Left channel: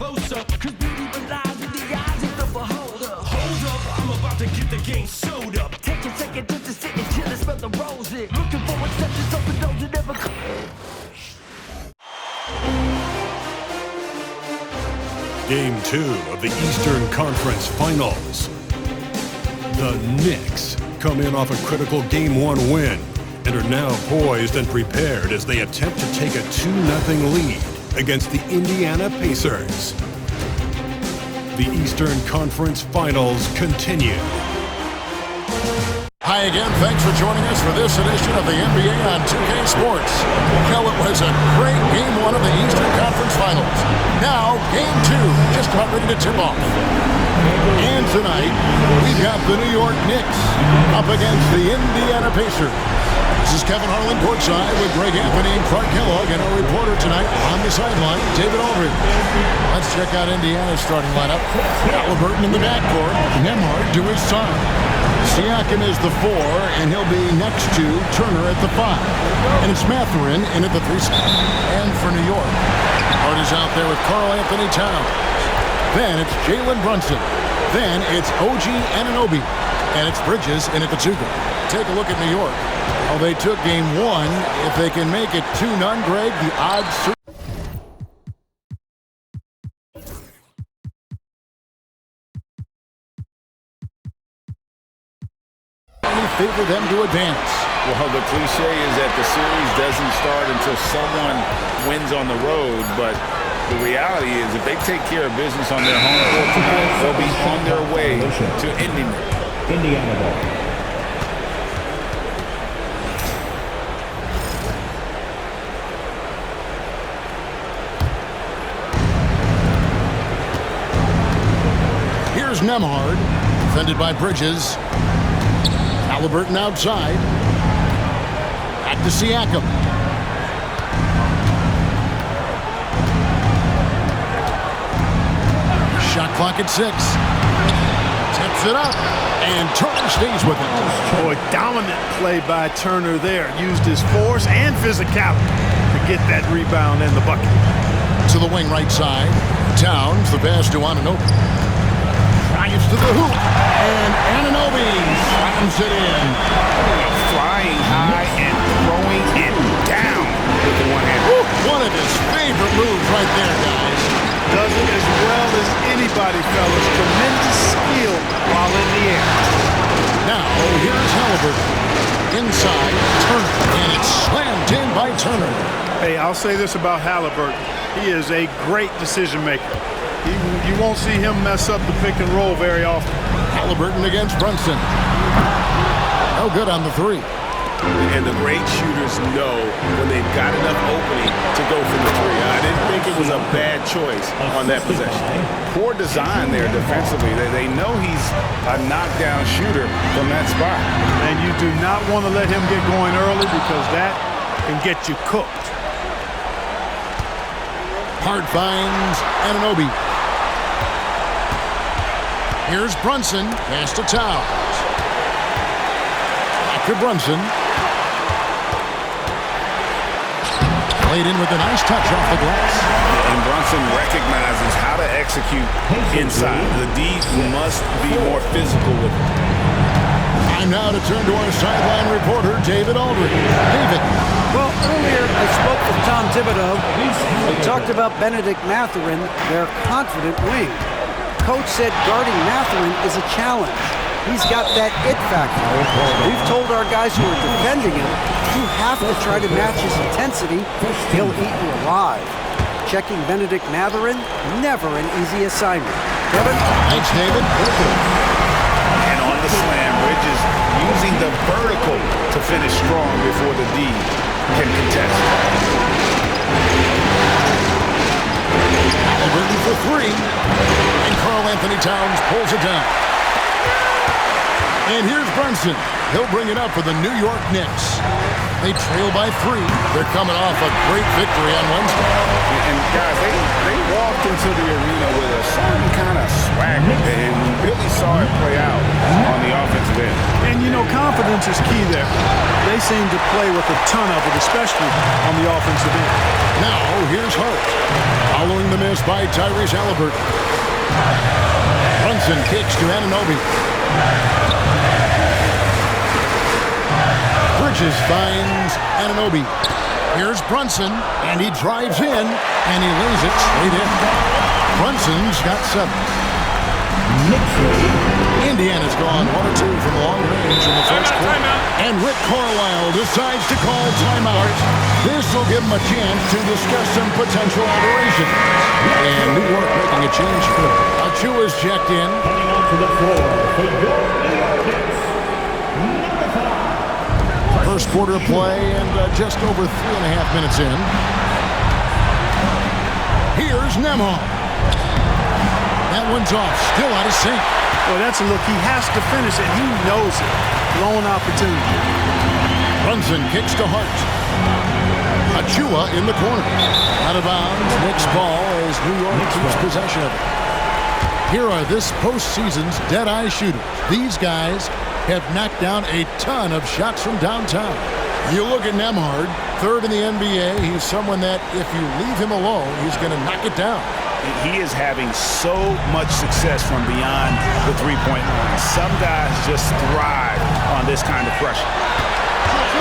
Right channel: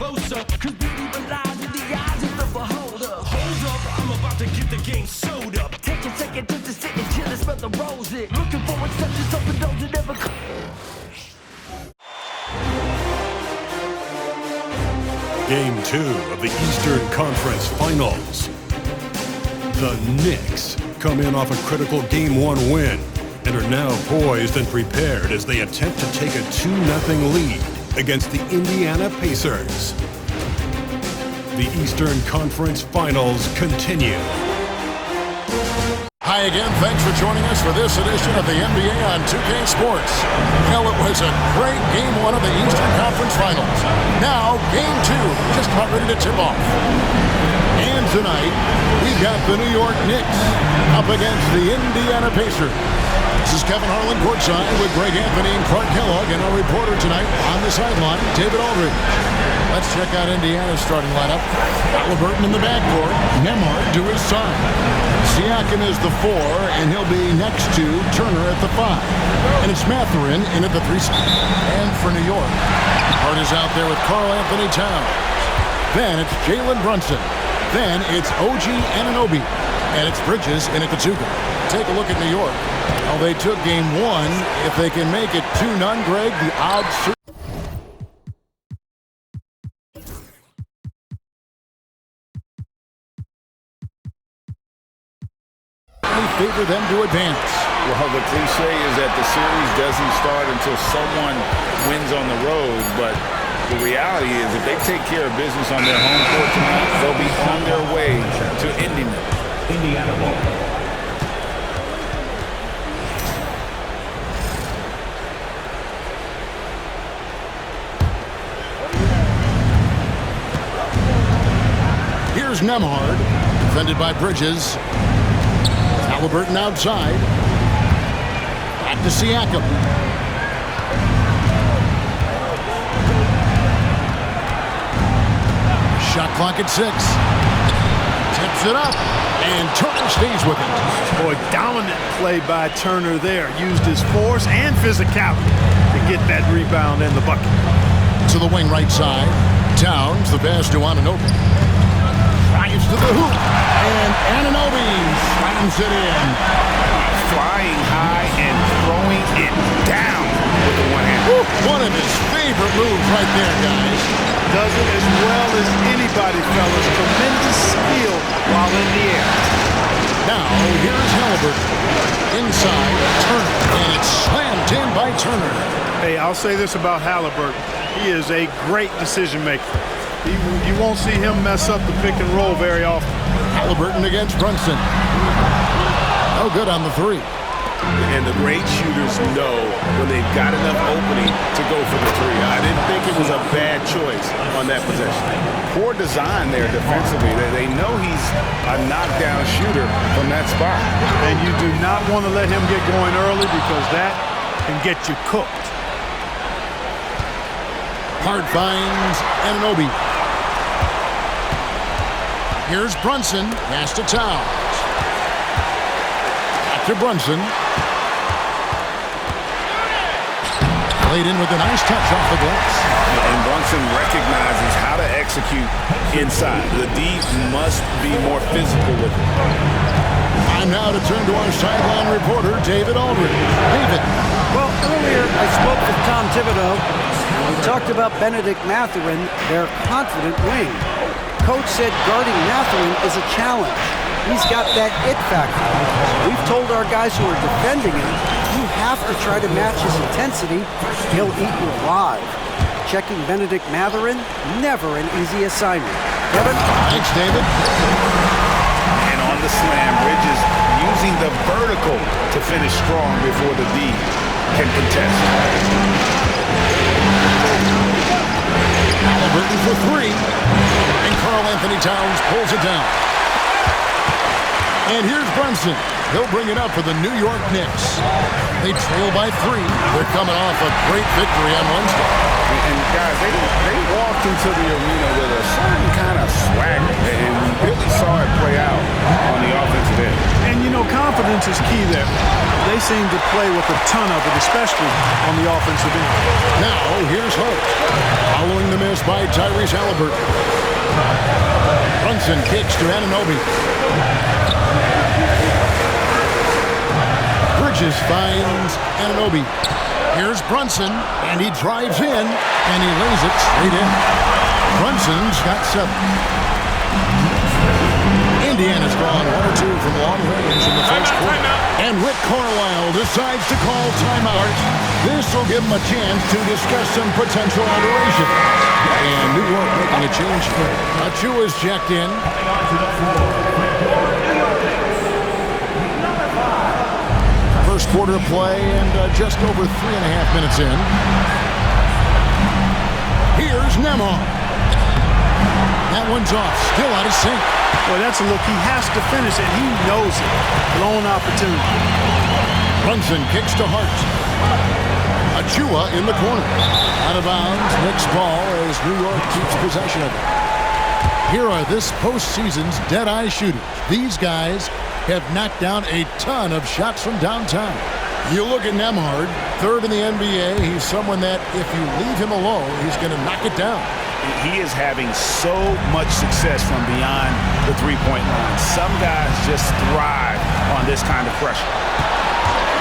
closer. Cause beauty lies in the eyes of the beholder. Hold up, I'm about to get the game sewed up. Take a second just to sit and chill and smell the roses. Looking for exceptions, open doors that never come. Game 2 of the Eastern Conference Finals. The Knicks come in off a critical Game 1 win and are now poised and prepared as they attempt to take a 2-0 lead against the Indiana Pacers. The Eastern Conference Finals continue. Hi again, thanks for joining us for this edition of the NBA on 2K Sports. Well, it was a great Game 1 of the Eastern Conference Finals. Now, Game 2, just about ready to tip off. And tonight, we've got the New York Knicks up against the Indiana Pacers. This is Kevin Harlan courtside with Greg Anthony and Clark Kellogg, and our reporter tonight on the sideline, David Aldridge. Let's check out Indiana's starting lineup. Halliburton in the backcourt, Nembhard to his side. Siakam is the 4, and he'll be next to Turner at the 5. And it's Mathurin in at the 3 spot. And for New York, Hart is out there with Karl Anthony Towns. Then it's Jalen Brunson. Then it's OG Anunoby. And it's Bridges in at the 2. Take a look at New York. Well, they took Game 1. If they can make it 2-0, Greg, the odds favor them to advance. Well, the cliche is that the series doesn't start until someone wins on the road, but the reality is if they take care of business on their home court tonight, they'll be on their way to ending it. Indiana ball. Here's Nembhard, defended by Bridges. Halliburton outside. Back to Siakam. Shot clock at 6. Tips it up, and Turner stays with it. Boy, dominant play by Turner there. Used his force and physicality to get that rebound and the bucket. To the wing right side. Towns, the pass to Anunoby. Drives to the hoop, and Anunoby slams it in. Flying high and throwing it down with the one hand. One of his favorite moves right there, guys. Does it as well as anybody, fellas. Tremendous skill while in the air. Now, here's Halliburton. Inside, Turner, and it's slammed in by Turner. Hey, I'll say this about Halliburton. He is a great decision maker. You won't see him mess up the pick and roll very often. Halliburton against Brunson. No good on the 3. And the great shooters know when they've got enough opening to go for the 3. I didn't think it was a bad choice on that possession. Poor design there defensively. They know he's a knockdown shooter from that spot. And you do not want to let him get going early because that can get you cooked. Hart finds Anunoby. Here's Brunson. Pass to Towns. Back to Brunson. Played in with a nice touch off the glass. And Brunson recognizes how to execute inside. The D must be more physical with it. Time now to turn to our sideline reporter, David Aldridge. David. Well, earlier I spoke with Tom Thibodeau. We talked about Benedict Mathurin, their confident wing. Coach said guarding Mathurin is a challenge. He's got that it factor. We've told our guys who are defending him, you have to try to match his intensity. He'll eat you alive. Checking Benedict Mathurin, never an easy assignment. Kevin? Thanks, David. And on the slam, Bridges using the vertical to finish strong before the D can contest. Halliburton for 3. And Karl Anthony Towns pulls it down. And here's Brunson. He'll bring it up for the New York Knicks. They trail by 3. They're coming off a great victory on Wednesday. And guys, they walked into the arena with a certain kind of swagger, and we really saw it play out on the offensive end. And, you know, confidence is key there. They seem to play with a ton of it, especially on the offensive end. Now, here's Hart. Following the miss by Tyrese Halliburton. Brunson kicks to Anunoby. Bridges finds Anunoby. Here's Brunson, and he drives in, and he lays it straight in. Brunson's got 7. Indiana's gone 1 or 2 from long range in the first quarter. And Rick Carlisle decides to call timeout. This will give him a chance to discuss some potential alterations. And New York making a change here. Achua's checked in. First quarter of play and just over 3.5 minutes in. Here's Nembhard. That one's off, still out of sync. Boy, that's a look. He has to finish it. He knows it. Blown opportunity. Brunson kicks to Hart. Achua in the corner. Out of bounds, Knicks ball as New York keeps possession of it. Here are this postseason's dead-eye shooters. These guys have knocked down a ton of shots from downtown. You look at Nembhard, 3rd in the NBA. He's someone that if you leave him alone, he's going to knock it down. He is having so much success from beyond the three-point line. Some guys just thrive on this kind of pressure.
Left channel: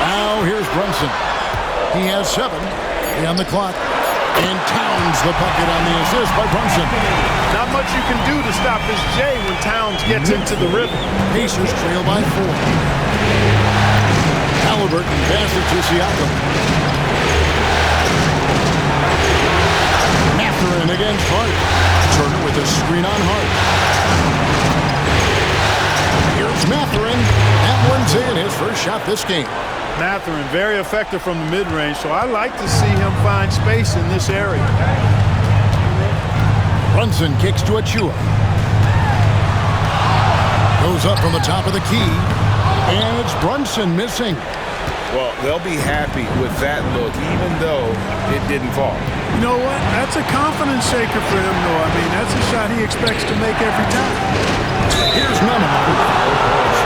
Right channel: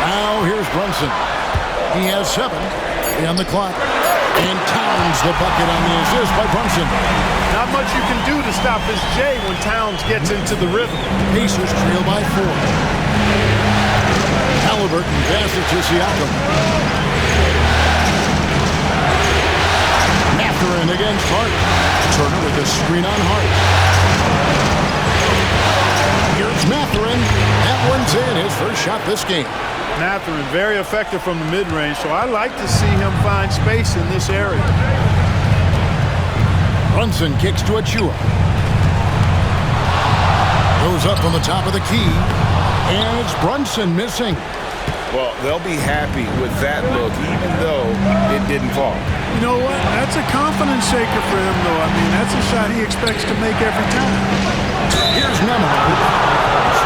Now here's Brunson. He has 7 on the clock. And Towns the bucket on the assist by Brunson. Not much you can do to stop his J when Towns gets into the rhythm. Pacers trail by 4. Halliburton passes to Siakam. Mathurin against Hart. Turner with a screen on Hart. Here's Mathurin. That one's in, his first shot this game. Mathurin, very effective from the mid-range, so I like to see him find space in this area. Brunson kicks to Achua. Goes up from the top of the key. And it's Brunson missing. Well, they'll be happy with that look, even though it didn't fall. You know what? That's a confidence shaker for him, though. I mean, that's a shot he expects to make every time. Here's Nembhard.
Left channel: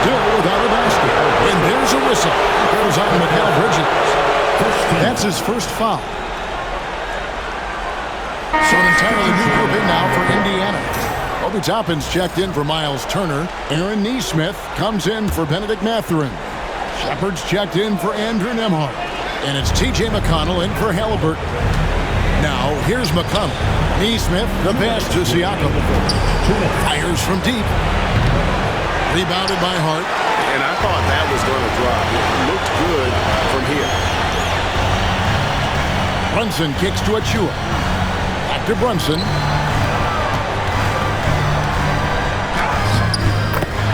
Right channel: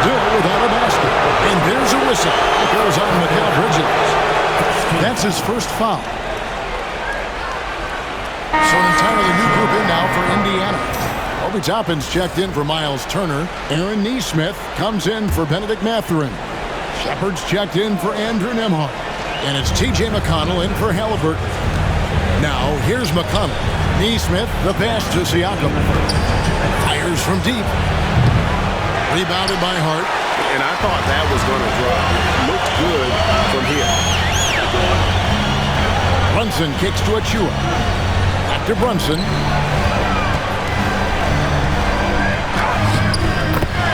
Still without a basket. And there's a whistle. Goes on Mikal Bridges. That's his first foul. So an entirely new group in now for Indiana. Obi Toppin's checked in for Miles Turner. Aaron Nesmith comes in for Benedict Mathurin. Shepard's checked in for Andrew Nembhard. And it's T.J. McConnell in for Halliburton. Now, here's McConnell. Nesmith, the pass to Siakam. Fires from deep. Rebounded by Hart. And I thought that was going to drop. It looked good from here. Brunson kicks to Achua. Back to Brunson.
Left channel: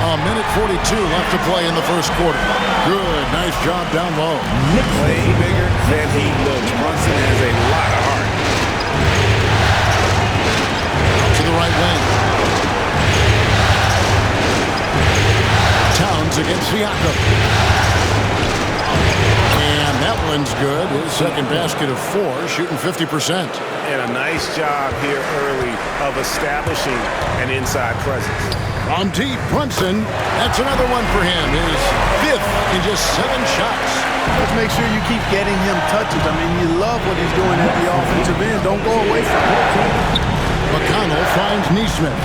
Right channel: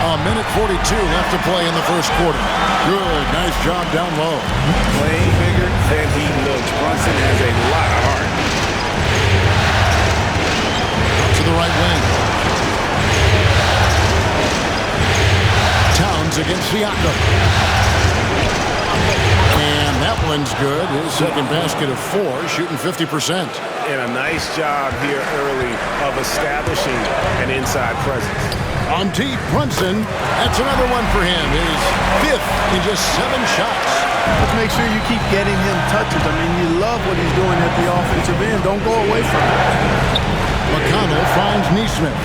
A minute 42 left to play in the first quarter. Good, nice job down low. Playing bigger than he looks. Brunson has a lot of heart. Out to the right wing. Towns against Siakam. And that one's good. His second basket of 4, shooting 50%. And a nice job here early of establishing an inside presence. On deep, Brunson. That's another one for him. His 5th in just 7 shots. Let's make sure you keep getting him touches. I mean, you love what he's doing at the offensive end. Don't go away from it. McConnell finds Nesmith.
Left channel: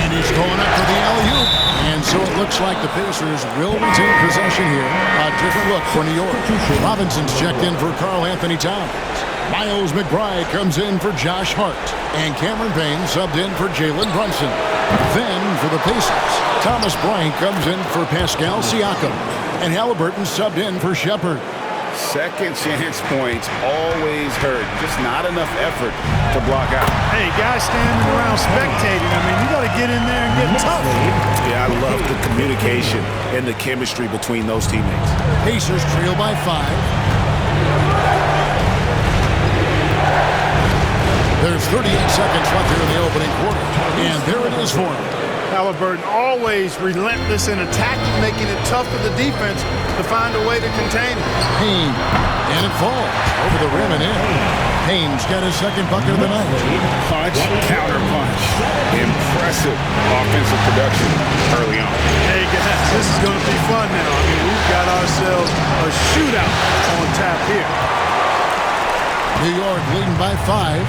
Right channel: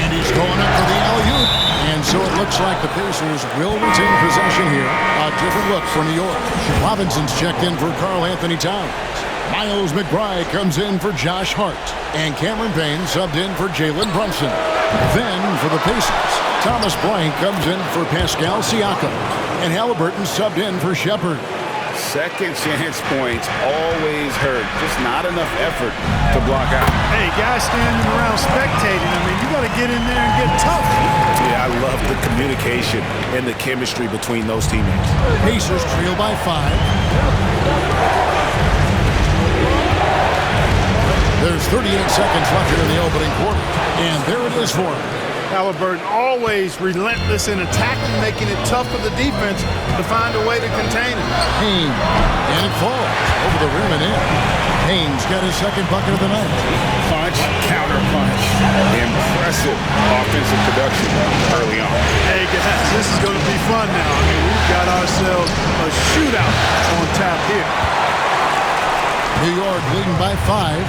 And he's going up for the alley-oop. And so it looks like the Pacers will retain possession here. A different look for New York. Robinson's checked in for Karl Anthony Towns. Miles McBride comes in for Josh Hart. And Cameron Payne subbed in for Jalen Brunson. Then for the Pacers, Thomas Bryant comes in for Pascal Siakam. And Halliburton subbed in for Shepard. Second chance points always hurt. Just not enough effort to block out. Hey, guys standing around spectating. I mean, you got to get in there and get tough. Yeah, I love the communication and the chemistry between those teammates. Pacers trail by 5. There's 38 seconds left here in the opening quarter. And there it is for him. Halliburton always relentless in attacking, making it tough for the defense to find a way to contain it. Payne, and it falls over the rim and in. Payne's got his second bucket of the night. Punch, counter punch. Impressive offensive production early on. Hey guys, this is going to be fun now. I mean, we've got ourselves a shootout on tap here. New York leading by 5.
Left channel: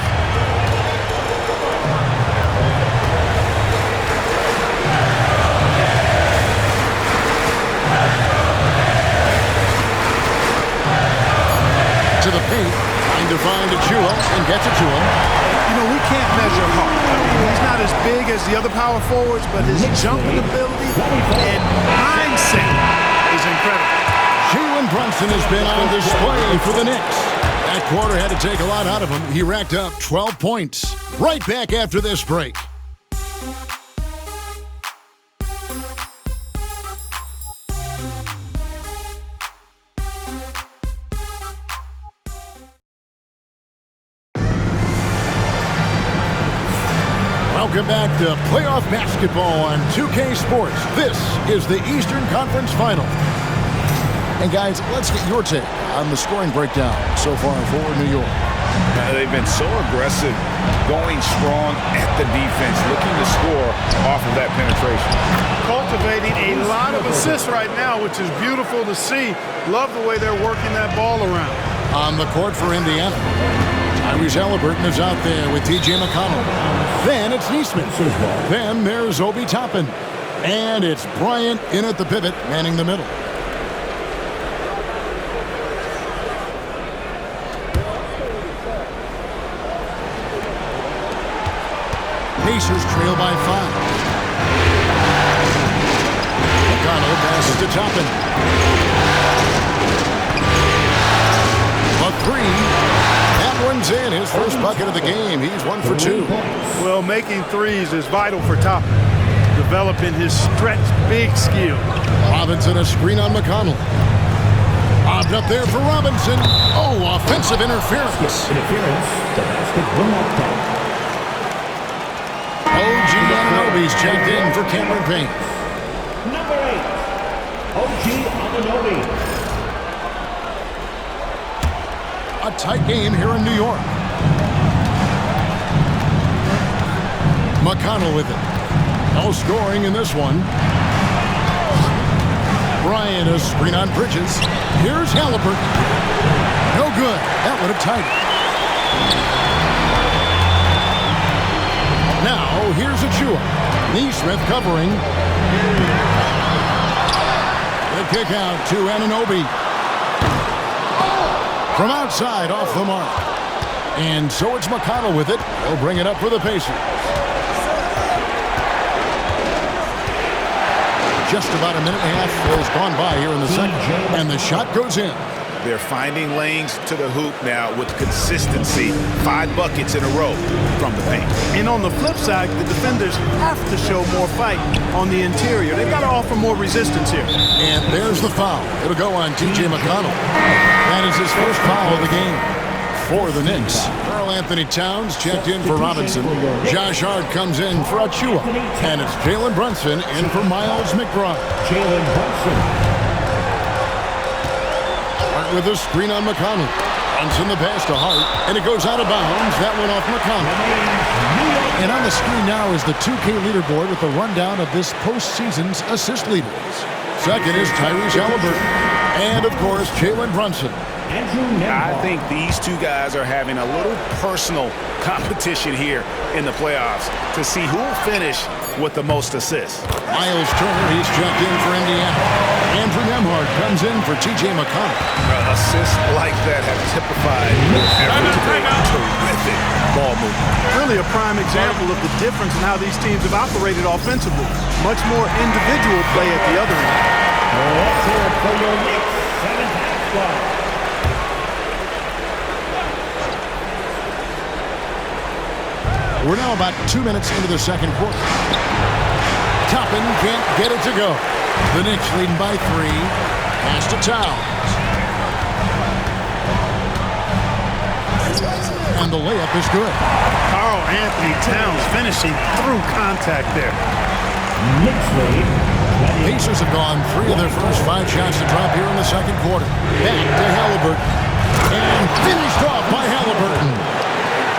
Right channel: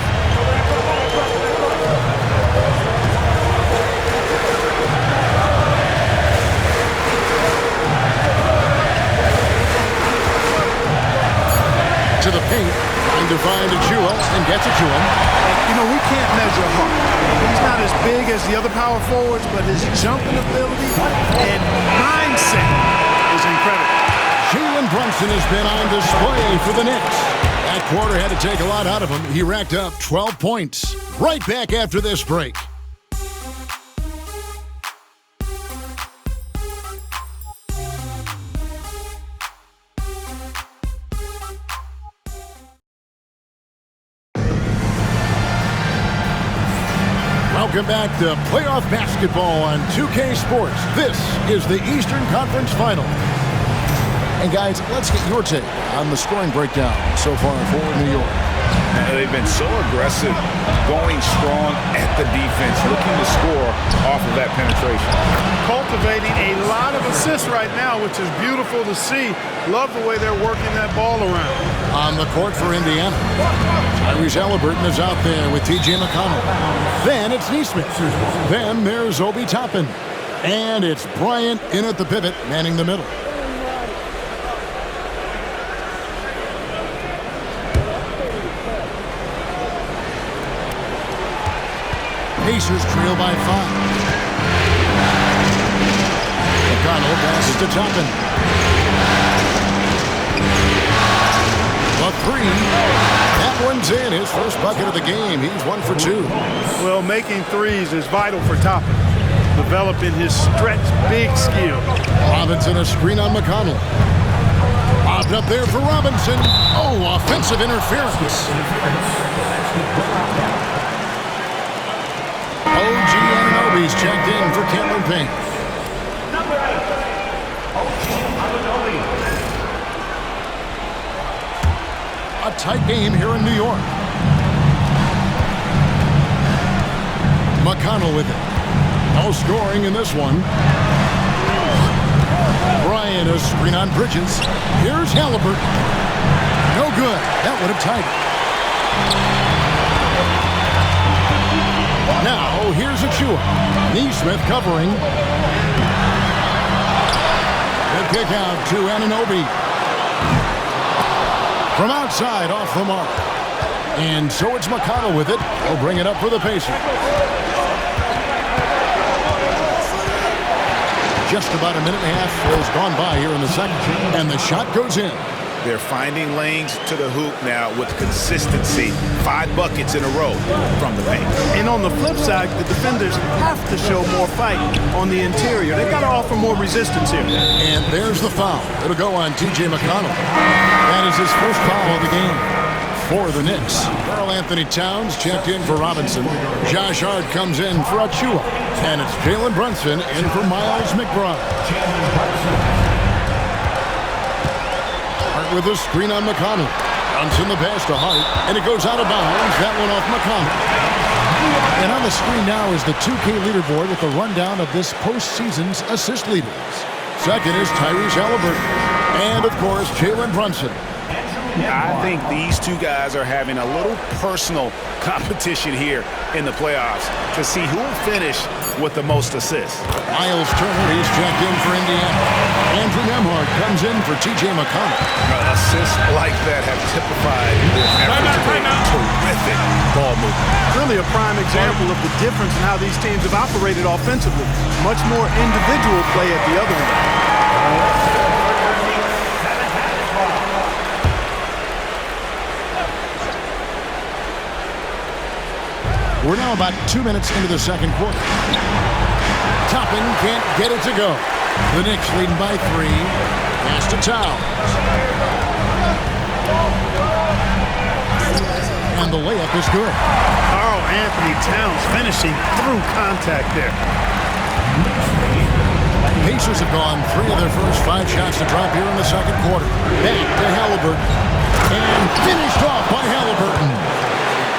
To the paint, trying to find Achua and gets it to him. And, you know, we can't measure Hart. I mean, he's not as big as the other power forwards, but his jumping ability and mindset is incredible. Jalen Brunson has been on display for the Knicks. That quarter had to take a lot out of him. He racked up 12 points. Right back after this break. Welcome back to playoff basketball on 2K Sports. This is the Eastern Conference Final. And guys, let's get your take on the scoring breakdown so far for New York. They've been so aggressive, going strong at the defense, looking to score off of that penetration. Cultivating a lot of assists right now, which is beautiful to see. Love the way they're working that ball around. On the court for Indiana, Tyrese Halliburton is out there with T.J. McConnell. Then it's Neesmith. Then there's Obi Toppin. And it's Bryant in at the pivot, manning the middle. Pacers trail by 5. McConnell passes to Toppin. A 3. That one's in. His first bucket of the game. He's 1 for 2. Well, making threes is vital for Toppin. Developing his stretch big skill. Robinson a screen on McConnell. Bobbed up there for Robinson. Oh, offensive interference. OG Anunoby's checked in for Cameron Payne. Number 8, OG Anunoby. A tight game here in New York. McConnell with it. No scoring in this one. Bryant a screen on Bridges. Here's Halliburton. No good. That would have tied it. Now, here's Achua. Neesmith covering. The kick out to Anunoby. From outside, off the mark. And so it's McConnell with it. He'll bring it up for the Pacers. Just about a minute and a half has gone by here in the second. And the shot goes in. They're finding lanes to the hoop now with consistency. 5 buckets in a row from the paint. And on the flip side, the defenders have to show more fight on the interior. They've got to offer more resistance here. And there's the foul. It'll go on T.J. McConnell. That is his first foul of the game for the Knicks. Karl Anthony Towns checked in for Robinson. Josh Hart comes in for Achua. And it's Jalen Brunson in for Miles McBride. Jalen Brunson. Hart with a screen on McConnell. Brunson the pass to Hart. And it goes out of bounds. That one off McConnell. And on the screen now is the 2K leaderboard with a rundown of this postseason's assist leaders. Second is Tyrese Halliburton. And, of course, Jalen Brunson. I think these two guys are having a little personal competition here in the playoffs to see who will finish with the most assists. Miles Turner, he's checked in for Indiana. Andrew Nembhard comes in for T.J. McConnell. Assists like that have typified their effort to make terrific ball movement. Really a prime example of the difference in how these teams have operated offensively. Much more individual play at the other end. We're now about 2 minutes into the second quarter. Toppin can't get it to go. The Knicks leading by 3. Pass to Towns. And the layup is good. Karl Anthony Towns finishing through contact there. Pacers have gone 3 of their first 5 shots to drop here in the second quarter. Back to Halliburton. And finished off by Halliburton.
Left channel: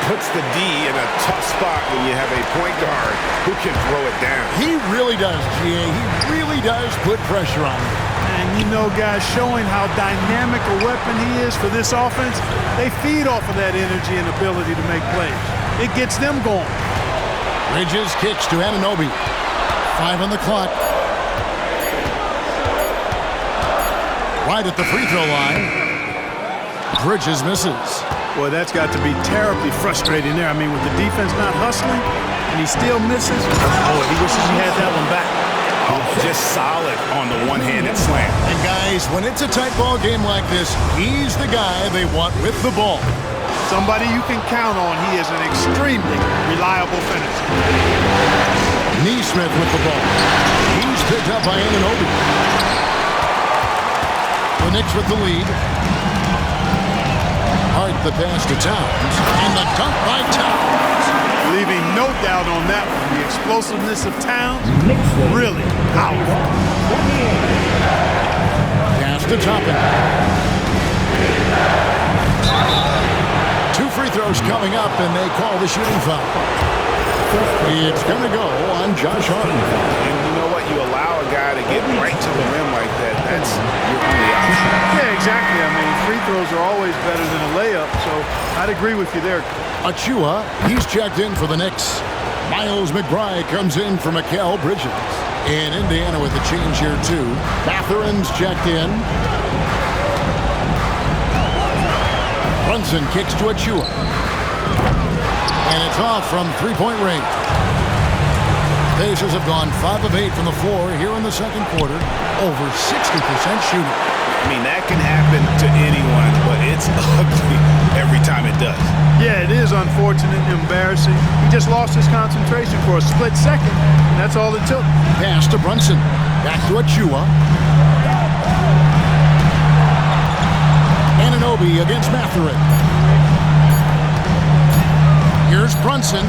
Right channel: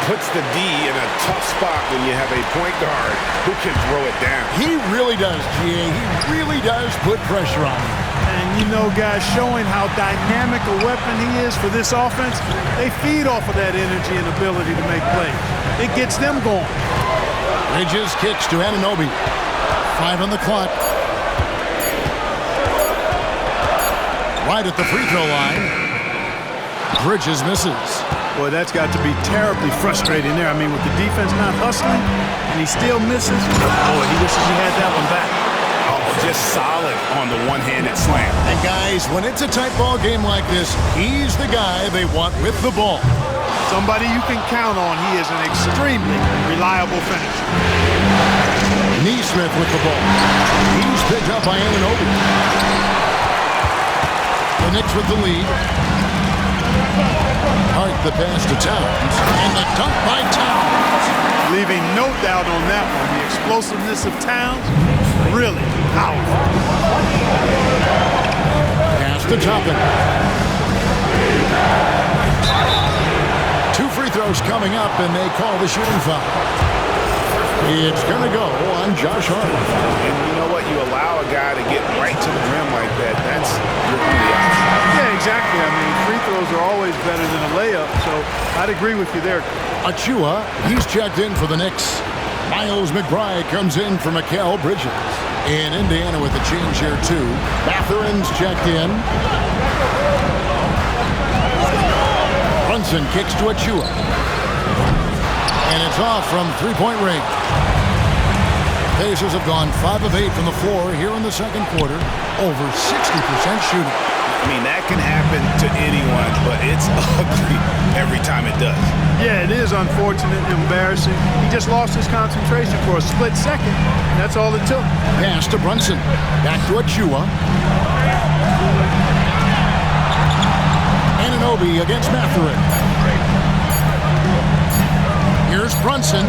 Puts the D in a tough spot when you have a point guard who can throw it down. He really does, G.A. He really does put pressure on him. And you know, guys, showing how dynamic a weapon he is for this offense, they feed off of that energy and ability to make plays. It gets them going. Bridges kicks to Anunoby. 5 on the clock. Right at the free throw line. Bridges misses. Boy, that's got to be terribly frustrating there. I mean, with the defense not hustling and he still misses, boy, he wishes he had that one back. Oh, just solid on the one-handed slam. And guys, when it's a tight ball game like this, he's the guy they want with the ball. Somebody you can count on. He is an extremely reliable finisher. Neesmith with the ball. He's picked up by Anunoby. The Knicks with the lead. Hart the pass to Towns. And the dunk by Towns. Leaving no doubt on that one. The explosiveness of Towns, really powerful. Pass to Toppin. 2 free throws coming up, and they call the shooting foul. It's going to go on Josh Hart. And you know what? You allow a guy to get right to the rim like that. That's your only option. Yeah, exactly. I mean, free throws are always better than a layup, so I'd agree with you there. Achua, he's checked in for the Knicks. Miles McBride comes in for Mikal Bridges. And Indiana with a change here, too. Mathurin's checked in. Brunson kicks to Achua. And it's off from three-point range. Pacers have gone 5 of 8 from the floor here in the second quarter. Over 60% shooting. I mean, that can happen to anyone, but it's ugly every time it does. Yeah, it is unfortunate, embarrassing. He just lost his concentration for a split second, and that's all it took. Pass to Brunson. Back to Achua. Anunoby against Mathurin. Here's Brunson.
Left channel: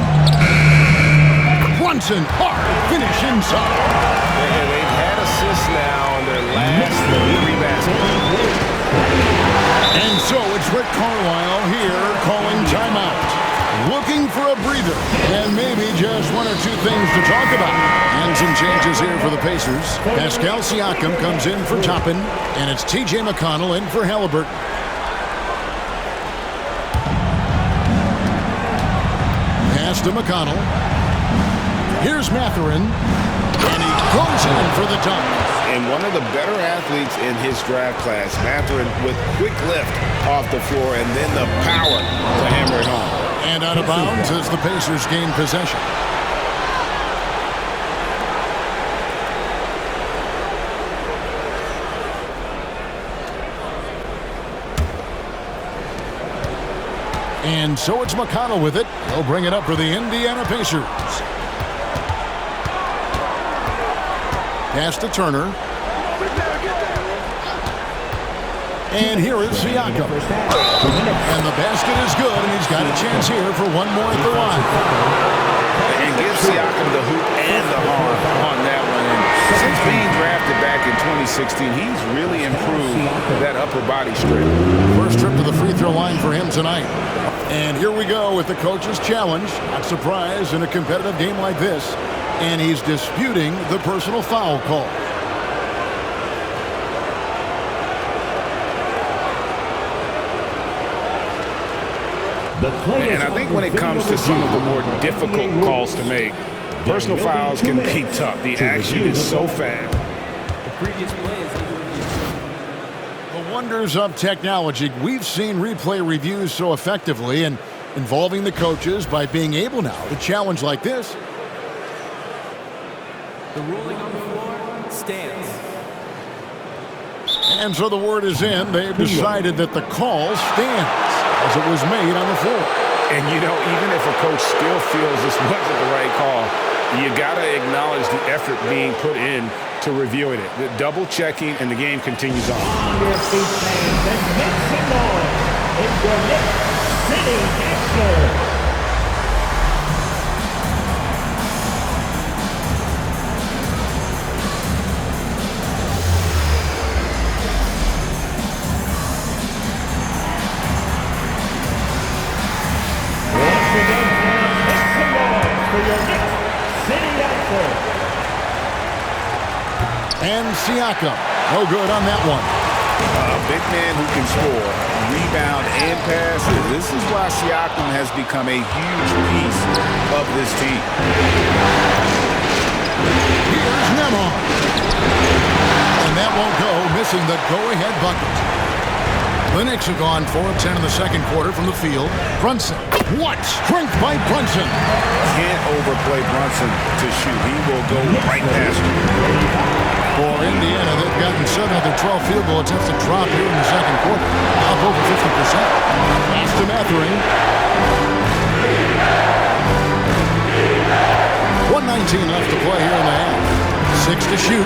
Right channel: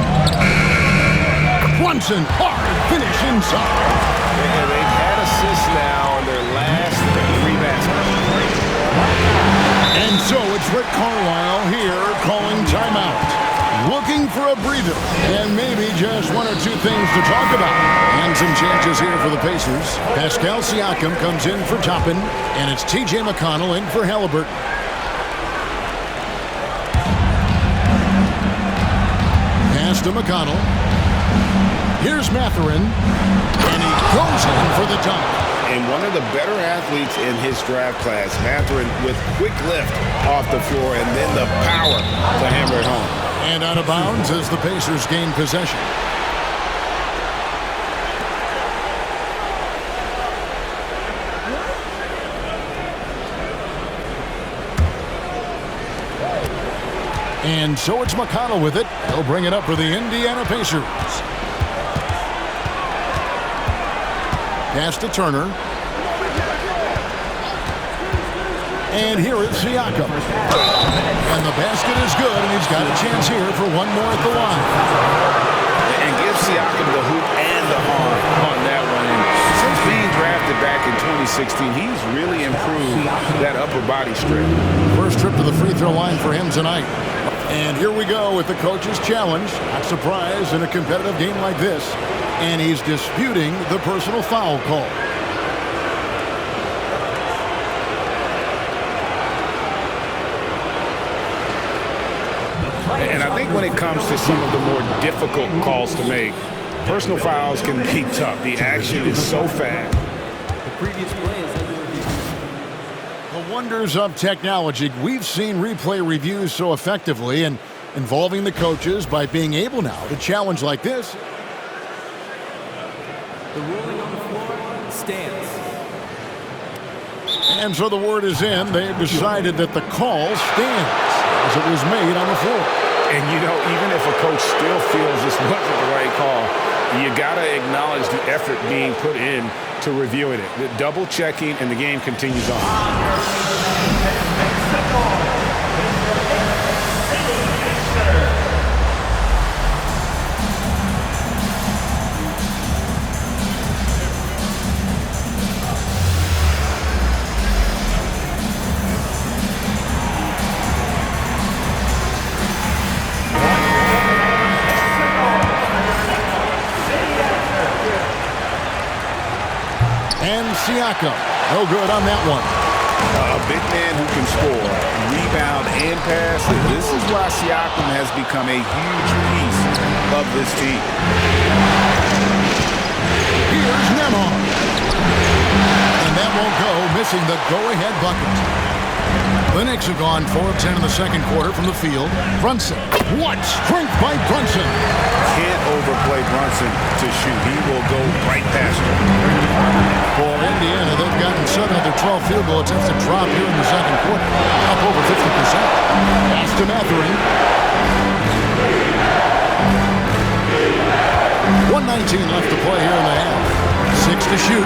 Brunson, hard finish inside. And they've had assists now on their last 3 baskets. And so it's Rick Carlisle here calling timeout. Looking for a breather and maybe just 1 or 2 things to talk about. And some changes here for the Pacers. Pascal Siakam comes in for Toppin, and it's T.J. McConnell in for Halliburton. Pass to McConnell. Here's Mathurin, and he goes in for the dunk. And one of the better athletes in his draft class, Mathurin, with quick lift off the floor and then the power to hammer it home. And out of bounds as the Pacers gain possession. And so it's McConnell with it. He'll bring it up for the Indiana Pacers. Pass to Turner. And here is Siakam. And the basket is good, and he's got a chance here for one more at the line. And give Siakam the hoop and the harm on that one. And since being drafted back in 2016, he's really improved that upper body strength. First trip to the free throw line for him tonight. And here we go with the coach's challenge. Not surprised in a competitive game like this. And he's disputing the personal foul call. And I think when it comes to some of the more difficult calls to make, personal fouls can be tough. The action is so fast. The previous play is under review. The wonders of technology. We've seen replay reviews so effectively and involving the coaches by being able now to challenge like this. The ruling on the floor stands. And so the word is in. They've decided that the call stands as it was made on the floor. And, you know, even if a coach still feels this wasn't the right call, you got to acknowledge the effort being put in to reviewing it. The double checking, and the game continues on. Your feet, fans, and make some noise. It's your Knicks City Gangster. And Siakam, no good on that one. A big man who can score, rebound, and pass. This is why Siakam has become a huge piece of this team. Here's Nembhard. And that won't go, missing the go-ahead bucket. The Knicks have gone 4 of 10 in the second quarter from the field. Brunson. What strength by Brunson. Can't overplay Brunson to shoot. He will go right past you. For Indiana, they've gotten 7 of their 12 field goal attempts to drop here in the second quarter. Up over 50%. Pass to Mathurin. 1:19 left to play here in the half. 6 to shoot.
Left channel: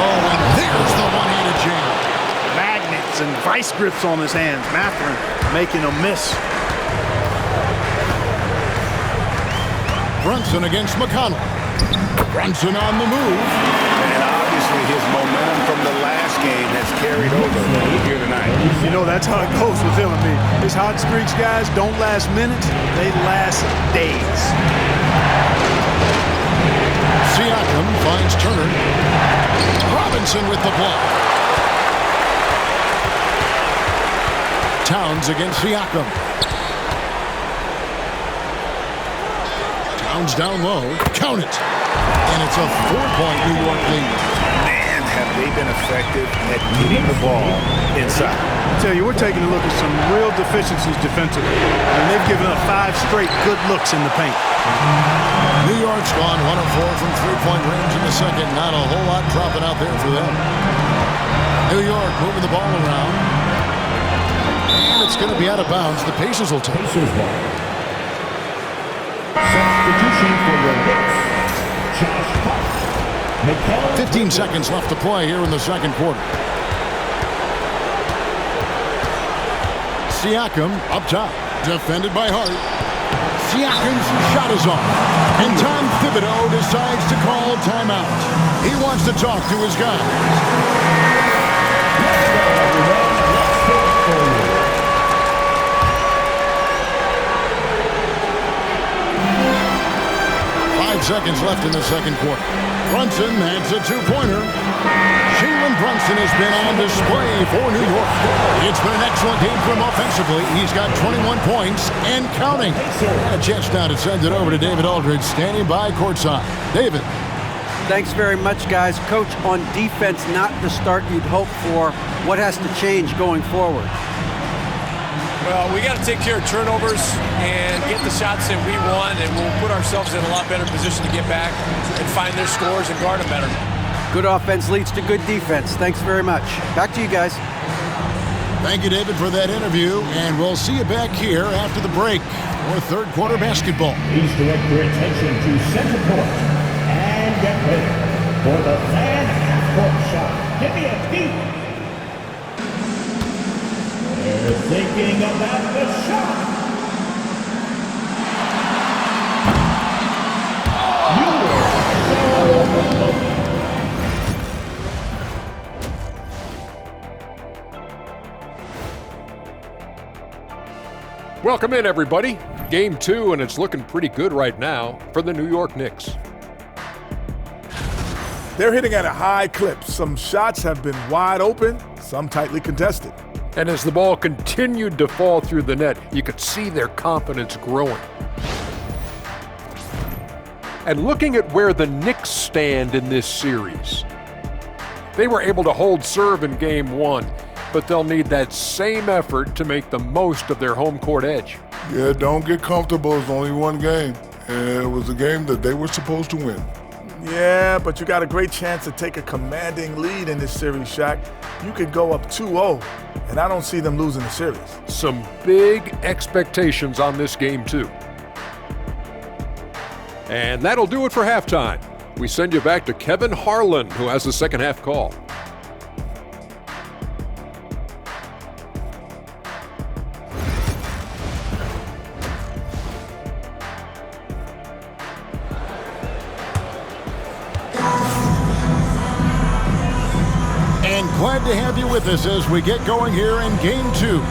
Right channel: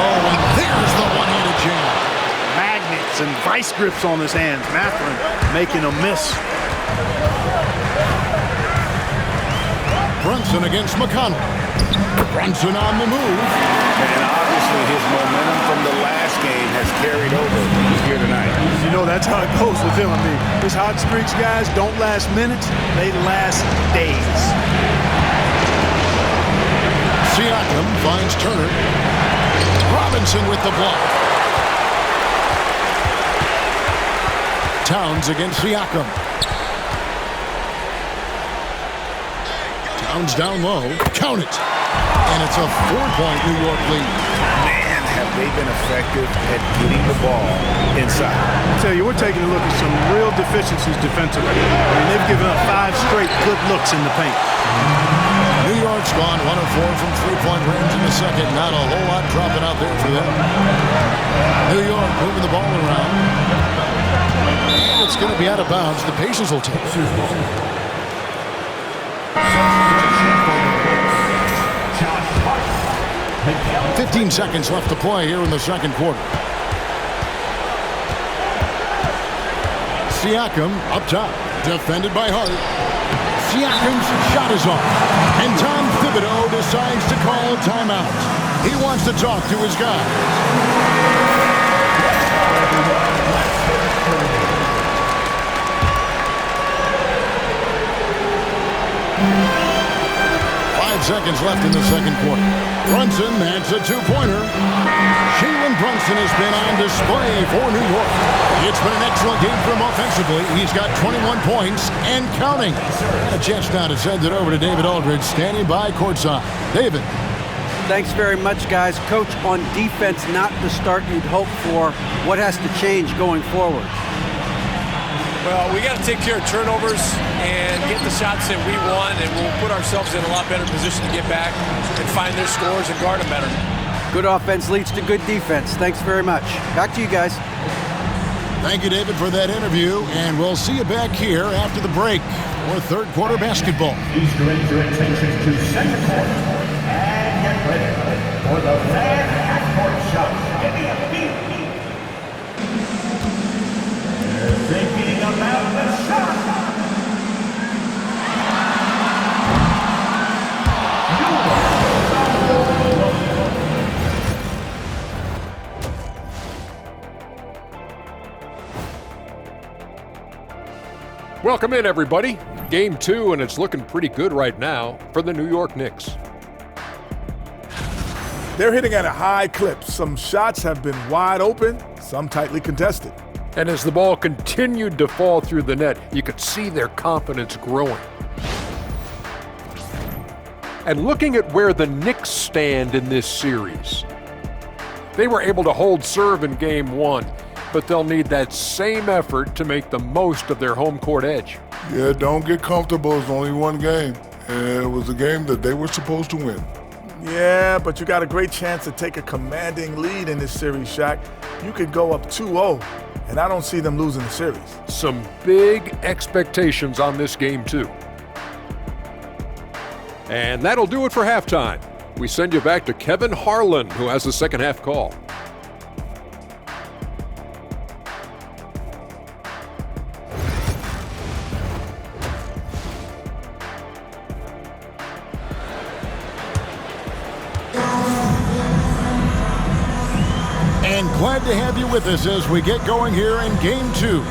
Oh, and there's the one-handed jam. Magnets and vice grips on his hands. Mathurin making a miss. Brunson against McConnell. Brunson on the move. And obviously his momentum from the last game has carried over here tonight. You know, that's how it goes with him. I mean, his hot streaks, guys, don't last minutes. They last days. Siakam finds Turner. Robinson with the block. Towns against Siakam. Towns down low. Count it. And it's a 4-point New York lead. Man, have they been effective at getting the ball inside. I tell you, we're taking a look at some real deficiencies defensively. I mean, they've given up 5 straight good looks in the paint. New York's gone 1 of 4 from three-point range in the second. Not a whole lot dropping out there for them. New York moving the ball around. And it's going to be out of bounds. The Pacers will take it. Substitution for the Knicks, Josh Hart. 15 seconds left to play here in the second quarter. Siakam up top. Defended by Hart. Siakam's shot is off. And Tom Thibodeau decides to call timeout. He wants to talk to his guys. 5 seconds left in the second quarter. Brunson adds a 2-pointer. Jalen Brunson has been on display for New York. It's been an excellent game for him offensively. He's got 21 points and counting. And a chance now to send it over to David Aldridge, standing by courtside. David. Thanks very much, guys. Coach, on defense, not the start you'd hope for. What has to change going forward? Well, we got to take care of turnovers and get the shots that we want, and we'll put ourselves in a lot better position to get back and find their scores and guard them better. Good offense leads to good defense. Thanks very much. Back to you guys. Thank you, David, for that interview, and we'll see you back here after the break for third quarter basketball. Please direct your attention to center court and get ready for the fan half-court shot. Give me a beat. They're thinking about the shot. You are so lucky. Welcome in, everybody. Game 2, and it's looking pretty good right now for the New York Knicks. They're hitting at a high clip. Some shots have been wide open, some tightly contested. And as the ball continued to fall through the net, you could see their confidence growing. And looking at where the Knicks stand in this series, they were able to hold serve in Game 1, but they'll need that same effort to make the most of their home court edge. Yeah, don't get comfortable. It's only one game. And it was a game that they were supposed to win. Yeah, but you got a great chance to take a commanding lead in this series, Shaq. You could go up 2-0, and I don't see them losing the series. Some big expectations on this game, too. And that'll do it for halftime. We send you back to Kevin Harlan, who has the second half call. And glad to have you with us as we get going here in Game 2.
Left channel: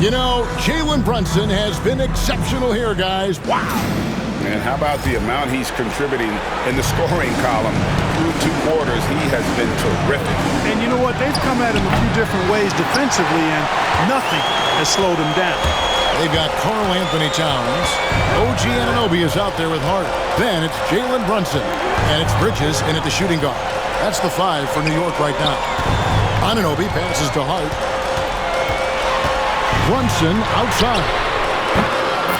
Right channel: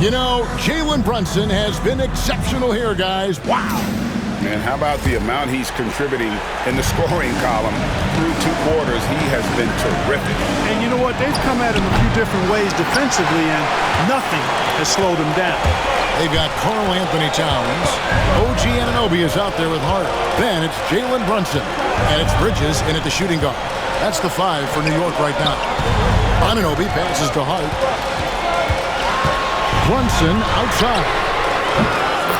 You know, Jalen Brunson has been exceptional here, guys. Wow. And how about the amount he's contributing in the scoring column through 2 quarters? He has been terrific. And you know what? They've come at him a few different ways defensively, and nothing has slowed him down. They've got Karl Anthony Towns. OG Anunoby is out there with Hart. Then it's Jalen Brunson. And it's Bridges in at the shooting guard. That's the 5 for New York right now. Anunoby passes to Hart. Brunson outside.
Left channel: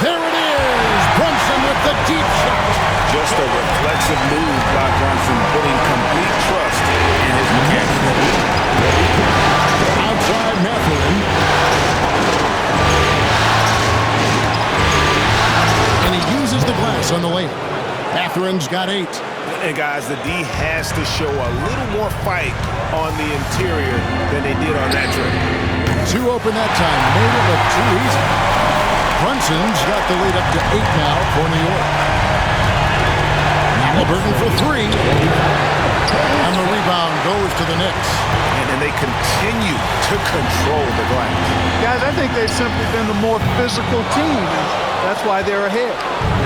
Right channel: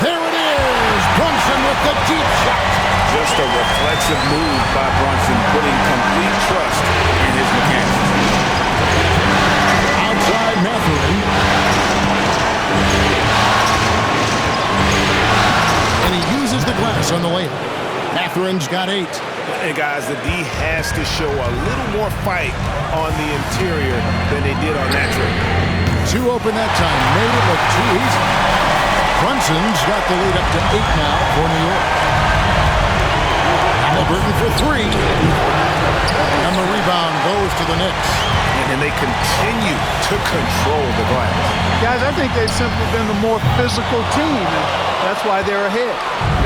There it is! Brunson with the deep shot. Just a reflexive move by Brunson, putting complete trust in his mechanics. Outside Mathurin. And he uses the glass on the layup. Mathurin's got 8. And guys, the D has to show a little more fight on the interior than they did on that trip. 2 open that time, made it look too easy. Brunson's got the lead up to 8 now for New York. Halliburton for 3. And the rebound goes to the Knicks. And they continue to control the glass. Guys, I think they've simply been the more physical team, and that's why they're ahead.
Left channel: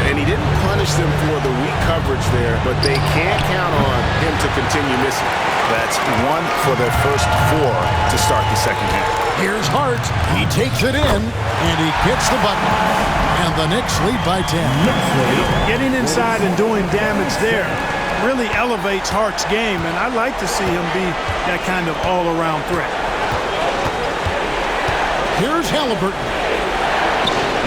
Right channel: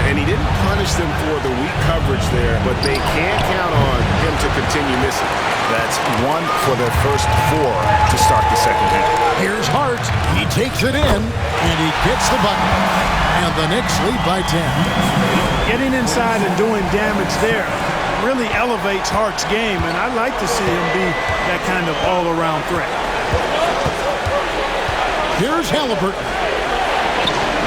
And he didn't punish them for the weak coverage there, but they can't count on him to continue missing. That's 1 for their first 4 to start the second half. Here's Hart. He takes it in, and he gets the bucket. And the Knicks lead by 10. Getting inside and doing damage there really elevates Hart's game, and I'd like to see him be that kind of all-around threat. Here's Halliburton.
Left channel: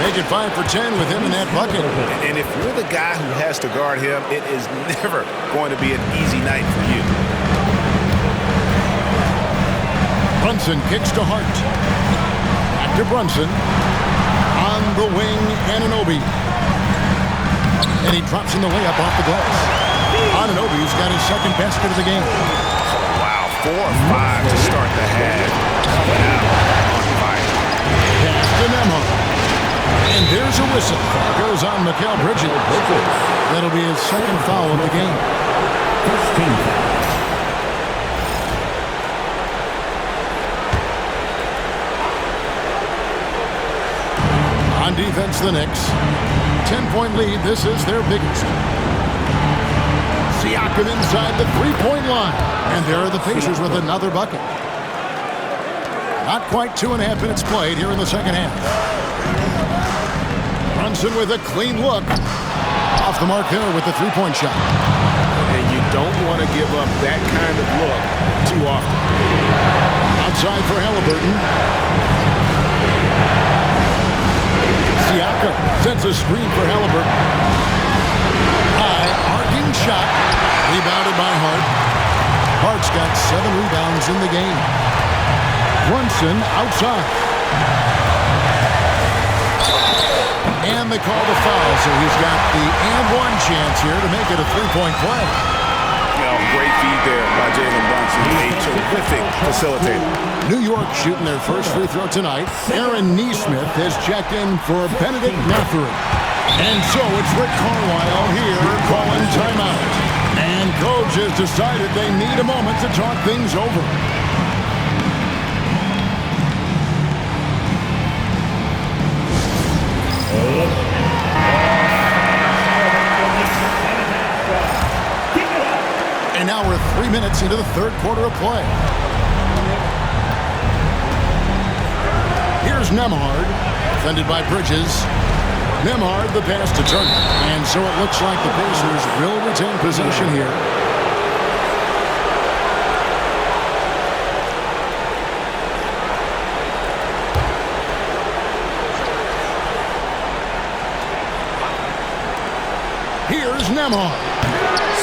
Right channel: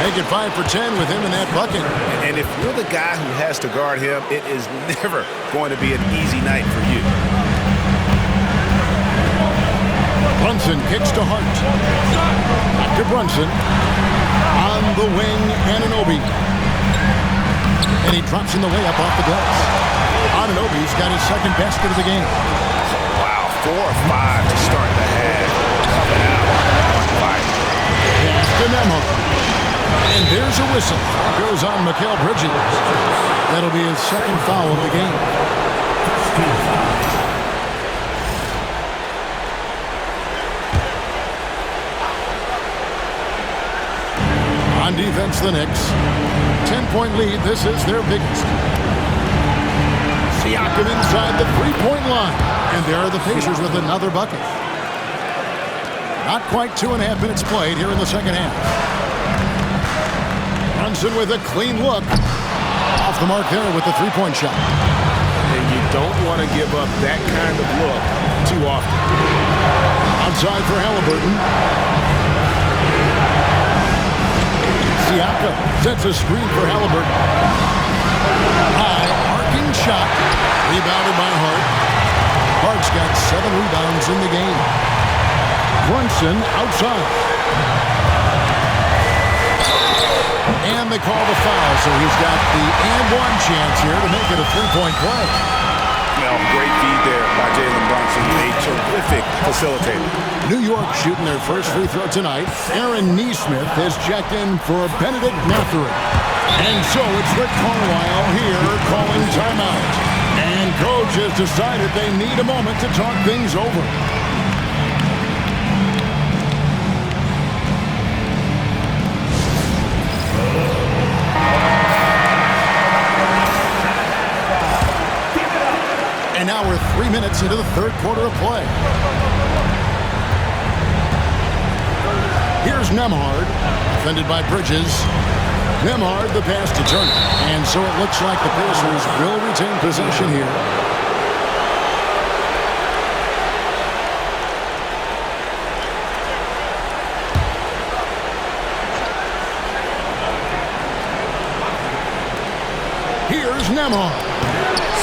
Make it 5 for 10 with him in that bucket. And if you're the guy who has to guard him, it is never going to be an easy night for you. Brunson kicks to Hart. Back to Brunson. On the wing, Anunoby. And he drops in the layup off the glass. Anunoby's got his second basket of the game. Oh, wow. 4 or 5 to start the half. Coming out on fire. Pass to Nembhard. And there's a whistle. That goes on Mikal Bridges. That'll be his second foul of the game. On defense, the Knicks. 10-point lead. This is their biggest. Siakam inside the 3-point line. And there are the Pacers with another bucket. Not quite 2.5 minutes played here in the second half. Brunson with a clean look. Off the mark there with the 3-point shot. And you don't want to give up that kind of look too often. Outside for Halliburton. Siakam sets a screen for Halliburton. High arcing shot. Rebounded by Hart. Hart's got 7 rebounds in the game. Brunson outside. And they call the foul, so he's got the and-one chance here to make it a 3-point play. You know, great feed there by Jalen Brunson. A terrific facilitator. New York shooting their first free throw tonight. Aaron Nesmith has checked in for Bennedict Mathurin. And so it's Rick Carlisle here calling timeout. And coach has decided they need a moment to talk things over. And now we're 3 minutes into the third quarter of play. Here's Nembhard, defended by Bridges. Nembhard, the pass to Turner. And so it looks like the Pacers will retain possession here. Here's Nembhard.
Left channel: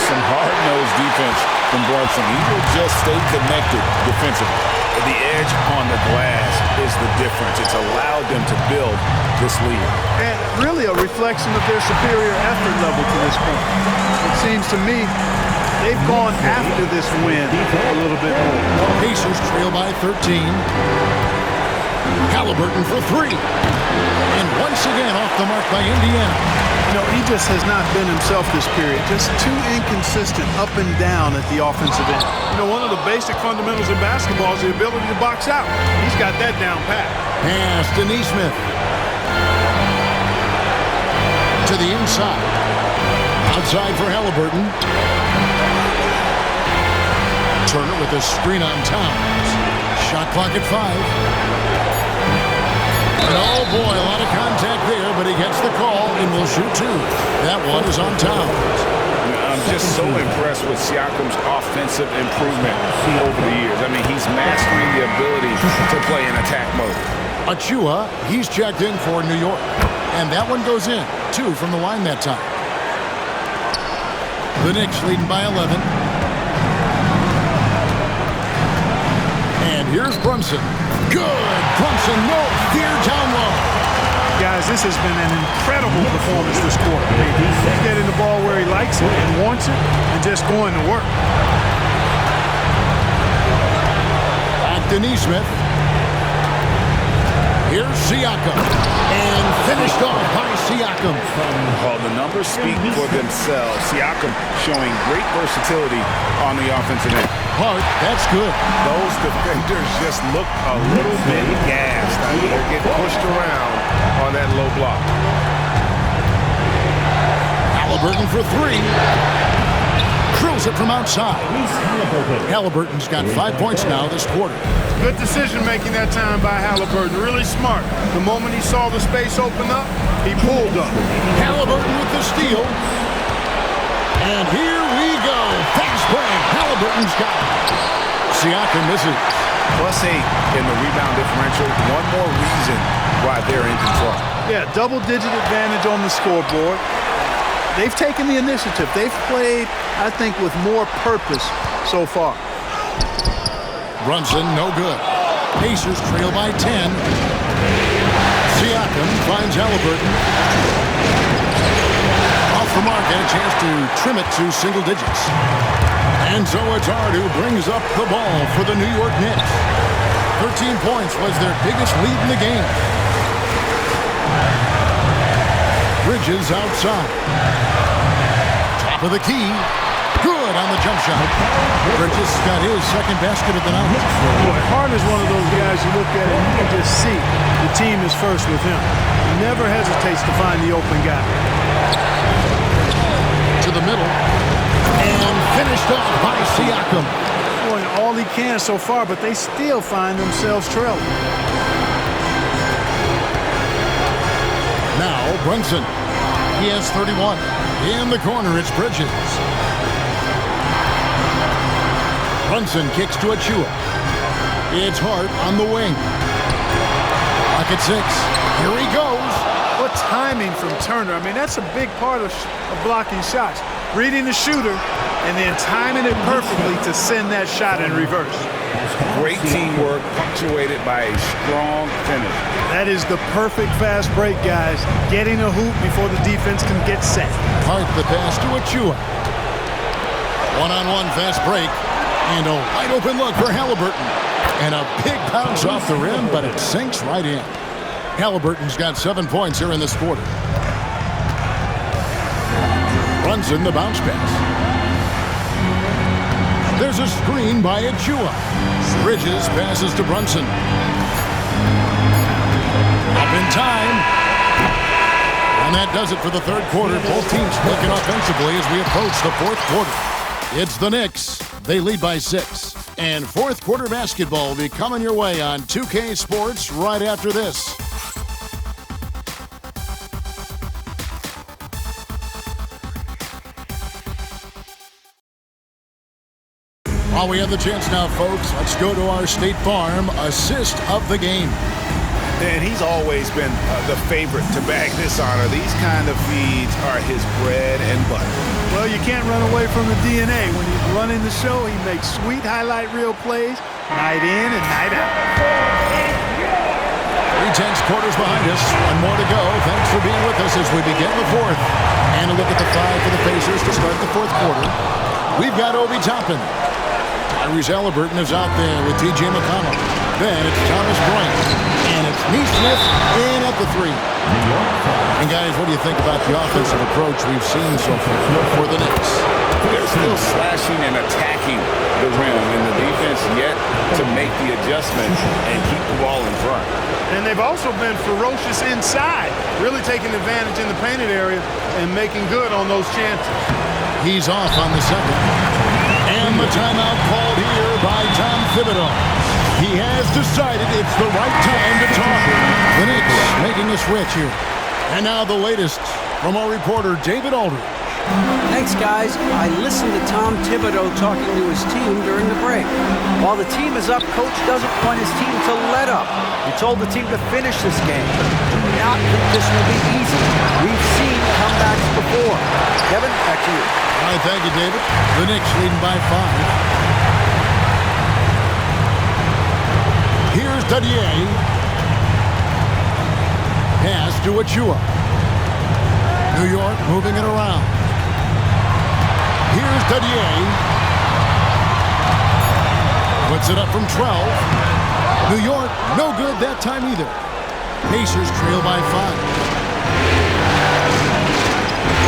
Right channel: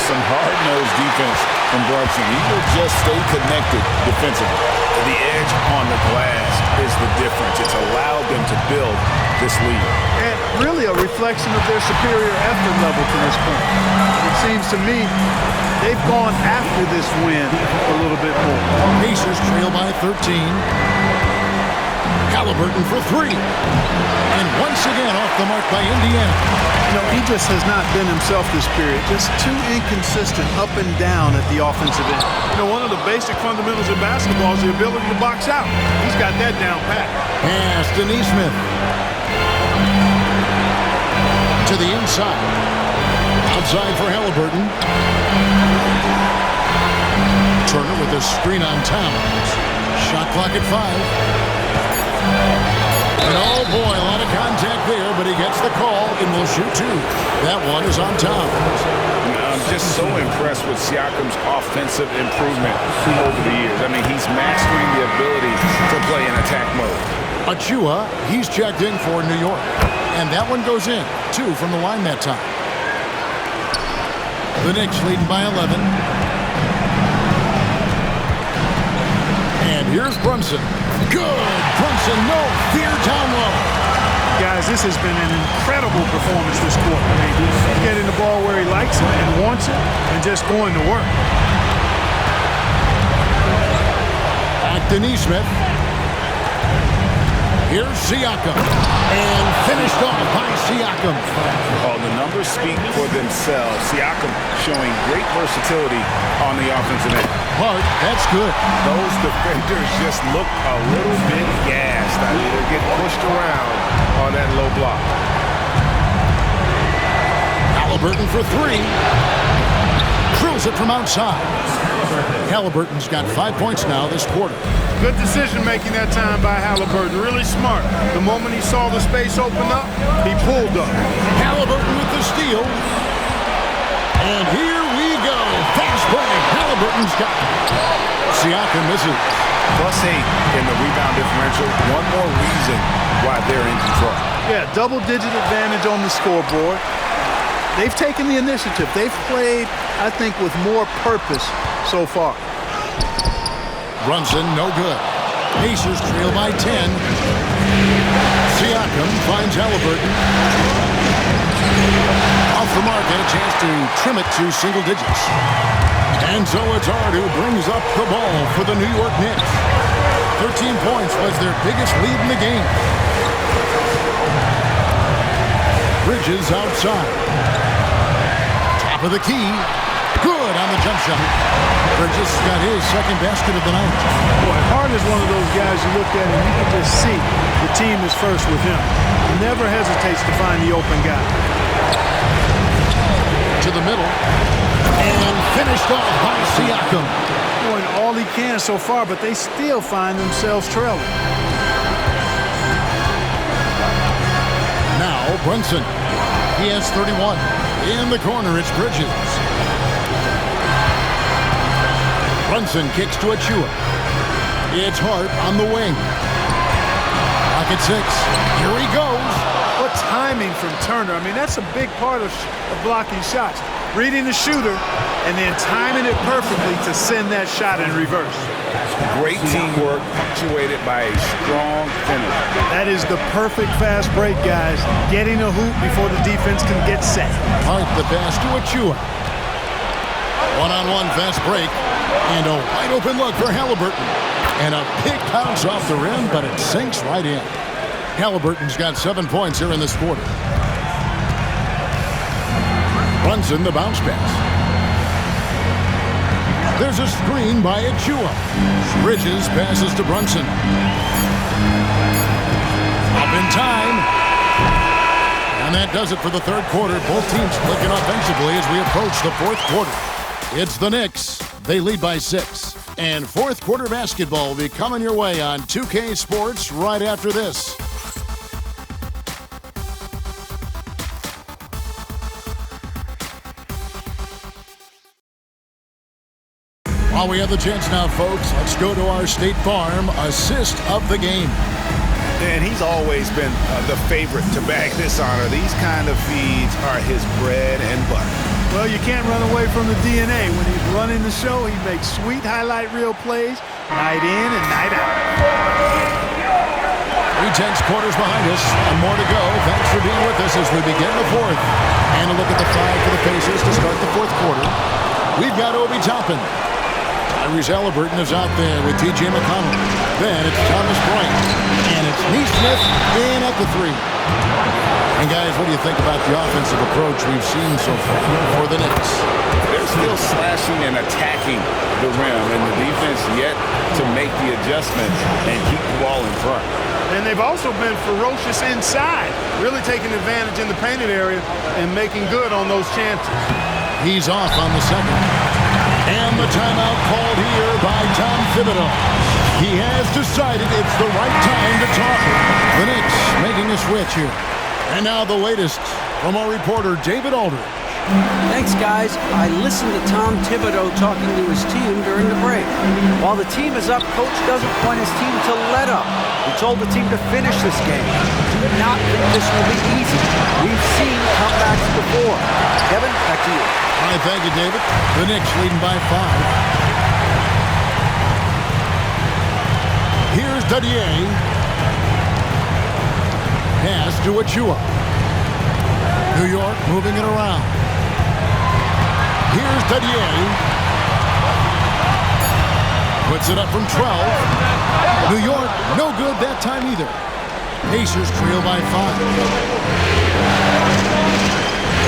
Some hard-nosed defense from Brunson. He will just stay connected defensively. The edge on the glass is the difference. It's allowed them to build this lead. And really a reflection of their superior effort level to this point. It seems to me they've gone after this win a little bit more. Pacers trail by 13. Halliburton for 3. And once again off the mark by Indiana. You know, he just has not been himself this period. Just too inconsistent up and down at the offensive end. You know, one of the basic fundamentals in basketball is the ability to box out. He's got that down pat. Pass to Nesmith. To the inside. Outside for Halliburton. Turner with a screen on Towns. Shot clock at 5. And oh boy, a lot of contact there, but he gets the call and will shoot 2. That one is on Towns. I'm just so impressed with Siakam's offensive improvement over the years. I mean, he's mastering the ability to play in attack mode. Achua, he's checked in for New York. And that one goes in. 2 from the line that time. The Knicks leading by 11. And here's Brunson. Good. Brunson, no fear down low. Guys, this has been an incredible performance this quarter. I mean, he's getting the ball where he likes it and wants it and just going to work. Back to Nesmith. Here's Siakam. And finished off by Siakam. Oh, the numbers speak for themselves. Siakam showing great versatility on the offensive end. Hart, that's good. Those defenders just look a little bit gassed. I mean, they're getting pushed around on that low block. Halliburton for 3. Drills it from outside. Halliburton's got 5 points now this quarter. Good decision making that time by Halliburton. Really smart. The moment he saw the space open up, he pulled up. Halliburton with the steal. And here we go. Fast break. Halliburton's got it. Siakam misses. +8 in the rebound differential. One more reason why they're in control. Yeah, double-digit advantage on the scoreboard. They've taken the initiative. They've played, I think, with more purpose so far. Brunson, no good. Pacers trail by 10. Siakam finds Halliburton. Off the mark, and a chance to trim it to single digits. And so it's Hart who brings up the ball for the New York Knicks. 13 points was their biggest lead in the game. Bridges outside. Top of the key. Good on the jump shot. Bridges got his second basket of the night. Boy, Hart is one of those guys you look at and you can just see the team is first with him. He never hesitates to find the open guy. To the middle. And finished off by Siakam. Doing all he can so far, but they still find themselves trailing. Now Brunson. He has 31. In the corner, it's Bridges. Brunson kicks to Achua. It's Hart on the wing. Clock at 6. Here he goes. What timing from Turner. I mean, that's a big part of blocking shots. Reading the shooter and then timing it perfectly to send that shot in reverse. Great teamwork punctuated by a strong finish. That is the perfect fast break, guys. Getting a hoop before the defense can get set. Hart the pass to Achua. One-on-one fast break. And a wide open look for Halliburton. And a big bounce off the rim, but it sinks right in. Halliburton's got 7 points here in this quarter. Brunson the bounce pass. There's a screen by Achua. Bridges passes to Brunson. Up in time. And that does it for the third quarter. Both teams clicking offensively as we approach the fourth quarter. It's the Knicks. They lead by 6. And fourth quarter basketball will be coming your way on 2K Sports right after this. While we have the chance now, folks, let's go to our State Farm assist of the game. And he's always been the favorite to bag this honor. These kind of feeds are his bread and butter. Well, you can't run away from the DNA. When he's running the show, he makes sweet highlight reel plays night in and night out. 3/10 quarters behind us. One more to go. Thanks for being with us as we begin the fourth. And a look at the 5 for the Pacers to start the fourth quarter. We've got Obi Toppin. Tyrese Halliburton is out there with T.J. McConnell. Then it's Thomas Bryant. And it's Nesmith in at the 3. And guys, what do you think about the offensive approach we've seen so far for the Knicks? They're still slashing and attacking the rim, and the defense yet to make the adjustment and keep the ball in front. And they've also been ferocious inside, really taking advantage in the painted area and making good on those chances. He's off on the second. And the timeout called here by Tom Thibodeau. He has decided it's the right time to talk. The Knicks making a switch here. And now the latest from our reporter, David Aldridge. Thanks, guys. I listened to Tom Thibodeau talking to his team during the break. While the team is up, Coach doesn't want his team to let up. He told the team to finish this game. Do not think this will be easy. We've seen comebacks before. Kevin, back to you. All right, thank you, David. The Knicks leading by 5. Here's Dadier. Pass to Achua. New York moving it around. Here's Dadier. Puts it up from 12. New York, no good that time either. Pacers trail by 5.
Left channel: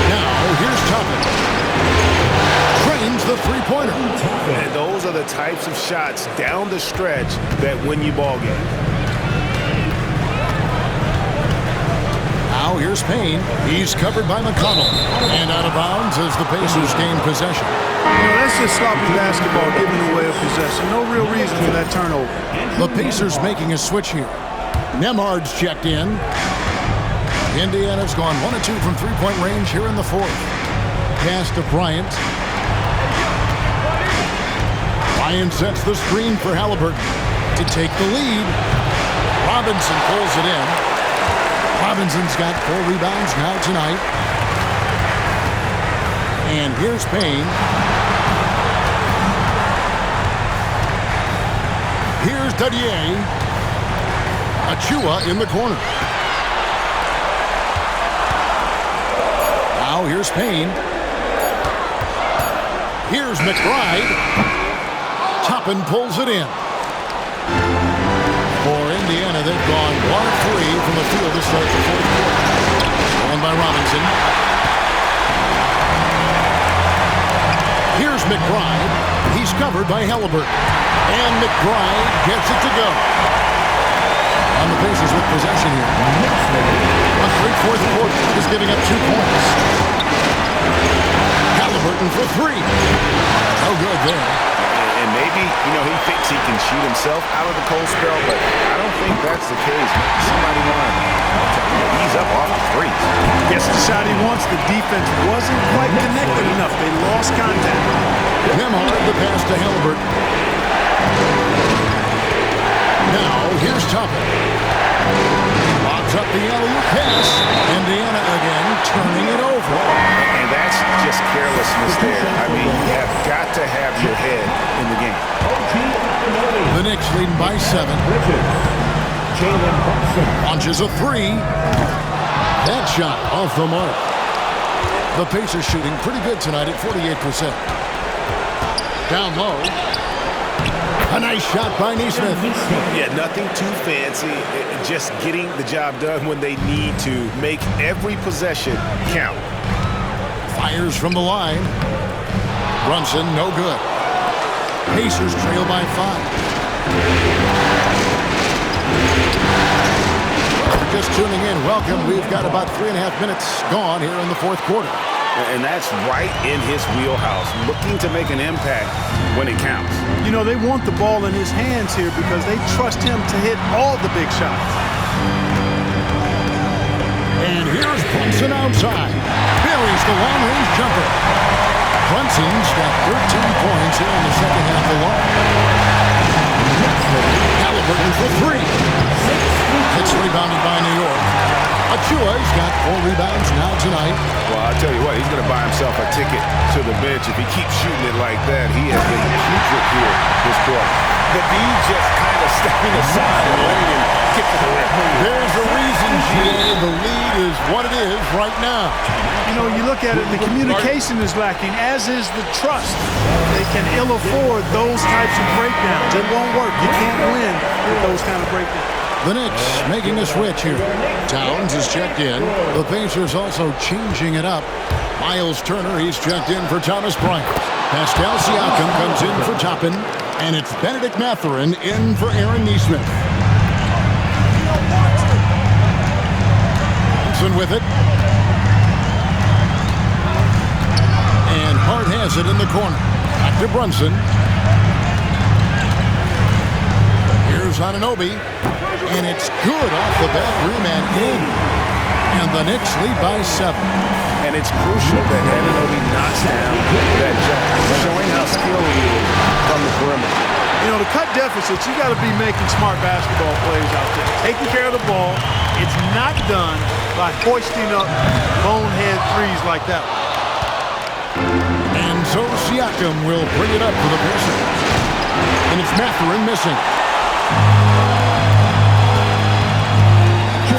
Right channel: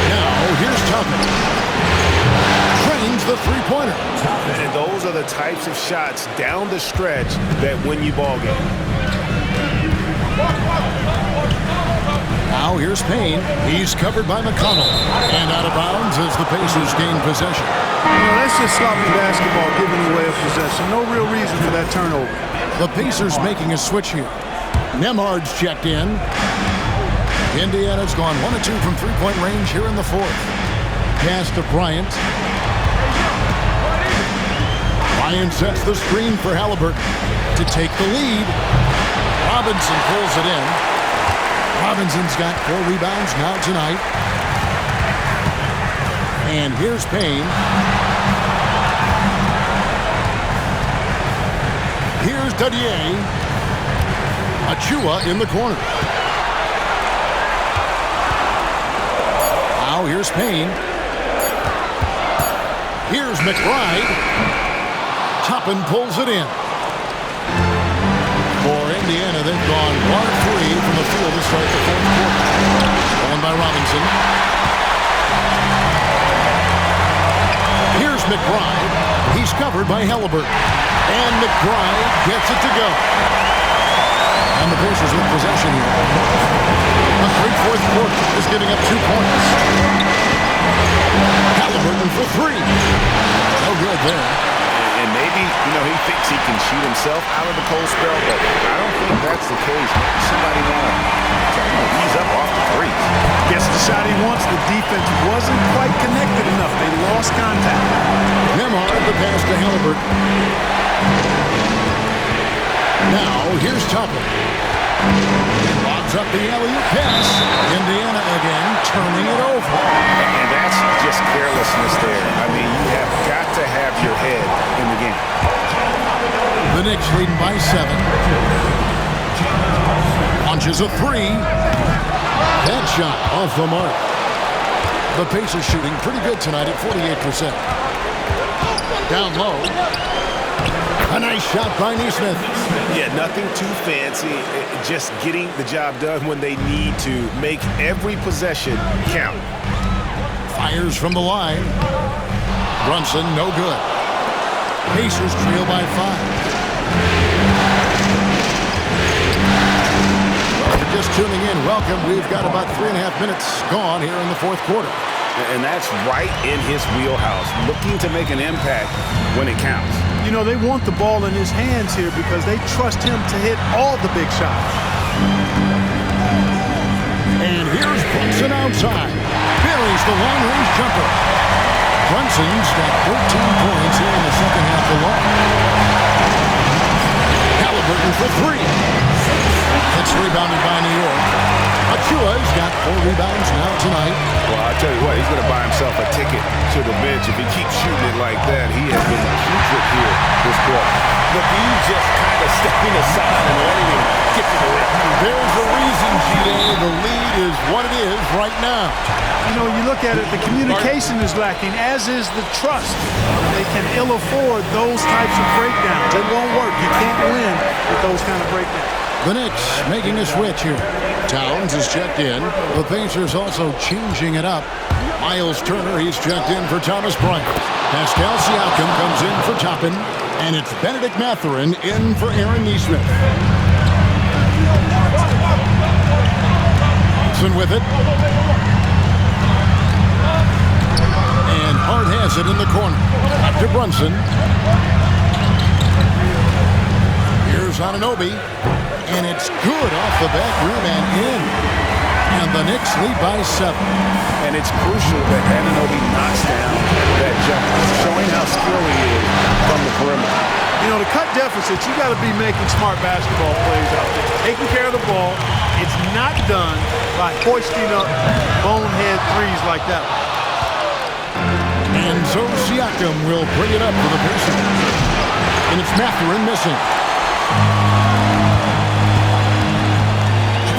Now, here's Toppin. Trains the three-pointer. And those are the types of shots down the stretch that win you ball games. Now here's Payne. He's covered by McConnell. And out of bounds as the Pacers gain possession. You know, that's just sloppy basketball, giving away a possession. No real reason for that turnover. The Pacers making a switch here. Nembhard's checked in. Indiana's gone 1 of 2 from three-point range here in the fourth. Pass to Bryant. Bryant sets the screen for Halliburton to take the lead. Robinson pulls it in. Robinson's got 4 rebounds now tonight. And here's Payne. Here's Dadier. Achua in the corner. Now here's Payne. Here's McBride. Toppin pulls it in. For Indiana, they've gone 1 of 3 from the field to start the fourth quarter. Stolen by Robinson. Here's McBride. He's covered by Halliburton. And McBride gets it to go. And the Pacers with possession here. A great fourth quarter is giving up 2 points. Halliburton for 3. No good there. And maybe, you know, he thinks he can shoot himself out of the cold spell, but I don't think that's the case. Maybe somebody want to ease up off the threes. Guess the shot he wants, the defense wasn't quite connected enough. They lost contact. Nembhard, the pass to Halliburton. Now, here's Toppin. He lobs up the alley-oop pass. Indiana again turning it over. And that's just carelessness there. I mean, you have got to have your head in the game. The Knicks leading by 7. Launches a 3. That shot off the mark. The Pacers shooting pretty good tonight at 48%. Down low. A nice shot by Nesmith. Yeah, nothing too fancy. Just getting the job done when they need to. Make every possession count. Fires from the line. Brunson, no good. Pacers trail by 5. Well, if you're just tuning in, welcome. We've got about 3.5 minutes gone here in the fourth quarter. And that's right in his wheelhouse, looking to make an impact when it counts. You know, they want the ball in his hands here because they trust him to hit all the big shots. And here's Brunson outside. Buries the long-range jumper. Brunson's got 13 points here in the second half alone. Halliburton for 3. It's rebounded by New York. Achua's got 4 rebounds now tonight. Well, I'll tell you what, he's going to buy himself a ticket to the bench. If he keeps shooting it like that, he has been putrid here this quarter. The D just kind of stepping aside and letting him get to the rim. There's a reason, G.A. The lead is what it is right now. You know, you look at it, the communication is lacking, as is the trust. They can ill afford those types of breakdowns. It won't work. You can't win with those kind of breakdowns. The Knicks making a switch here. Towns is checked in. The Pacers also changing it up. Miles Turner, he's checked in for Thomas Bryant. Pascal Siakam comes in for Toppin. And it's Benedict Mathurin in for Aaron Nesmith. Brunson with it. And Hart has it in the corner. Back to Brunson. Here's Anunoby. And it's good off the back rim and in. And the Knicks lead by 7. And it's crucial that Anunoby knocks down that jumper, showing how skilled he is from the perimeter. You know, to cut deficits, you got to be making smart basketball plays out there. Taking care of the ball. It's not done by hoisting up bonehead threes like that one. And so Siakam will bring it up for the Pacers. And it's Mathurin missing.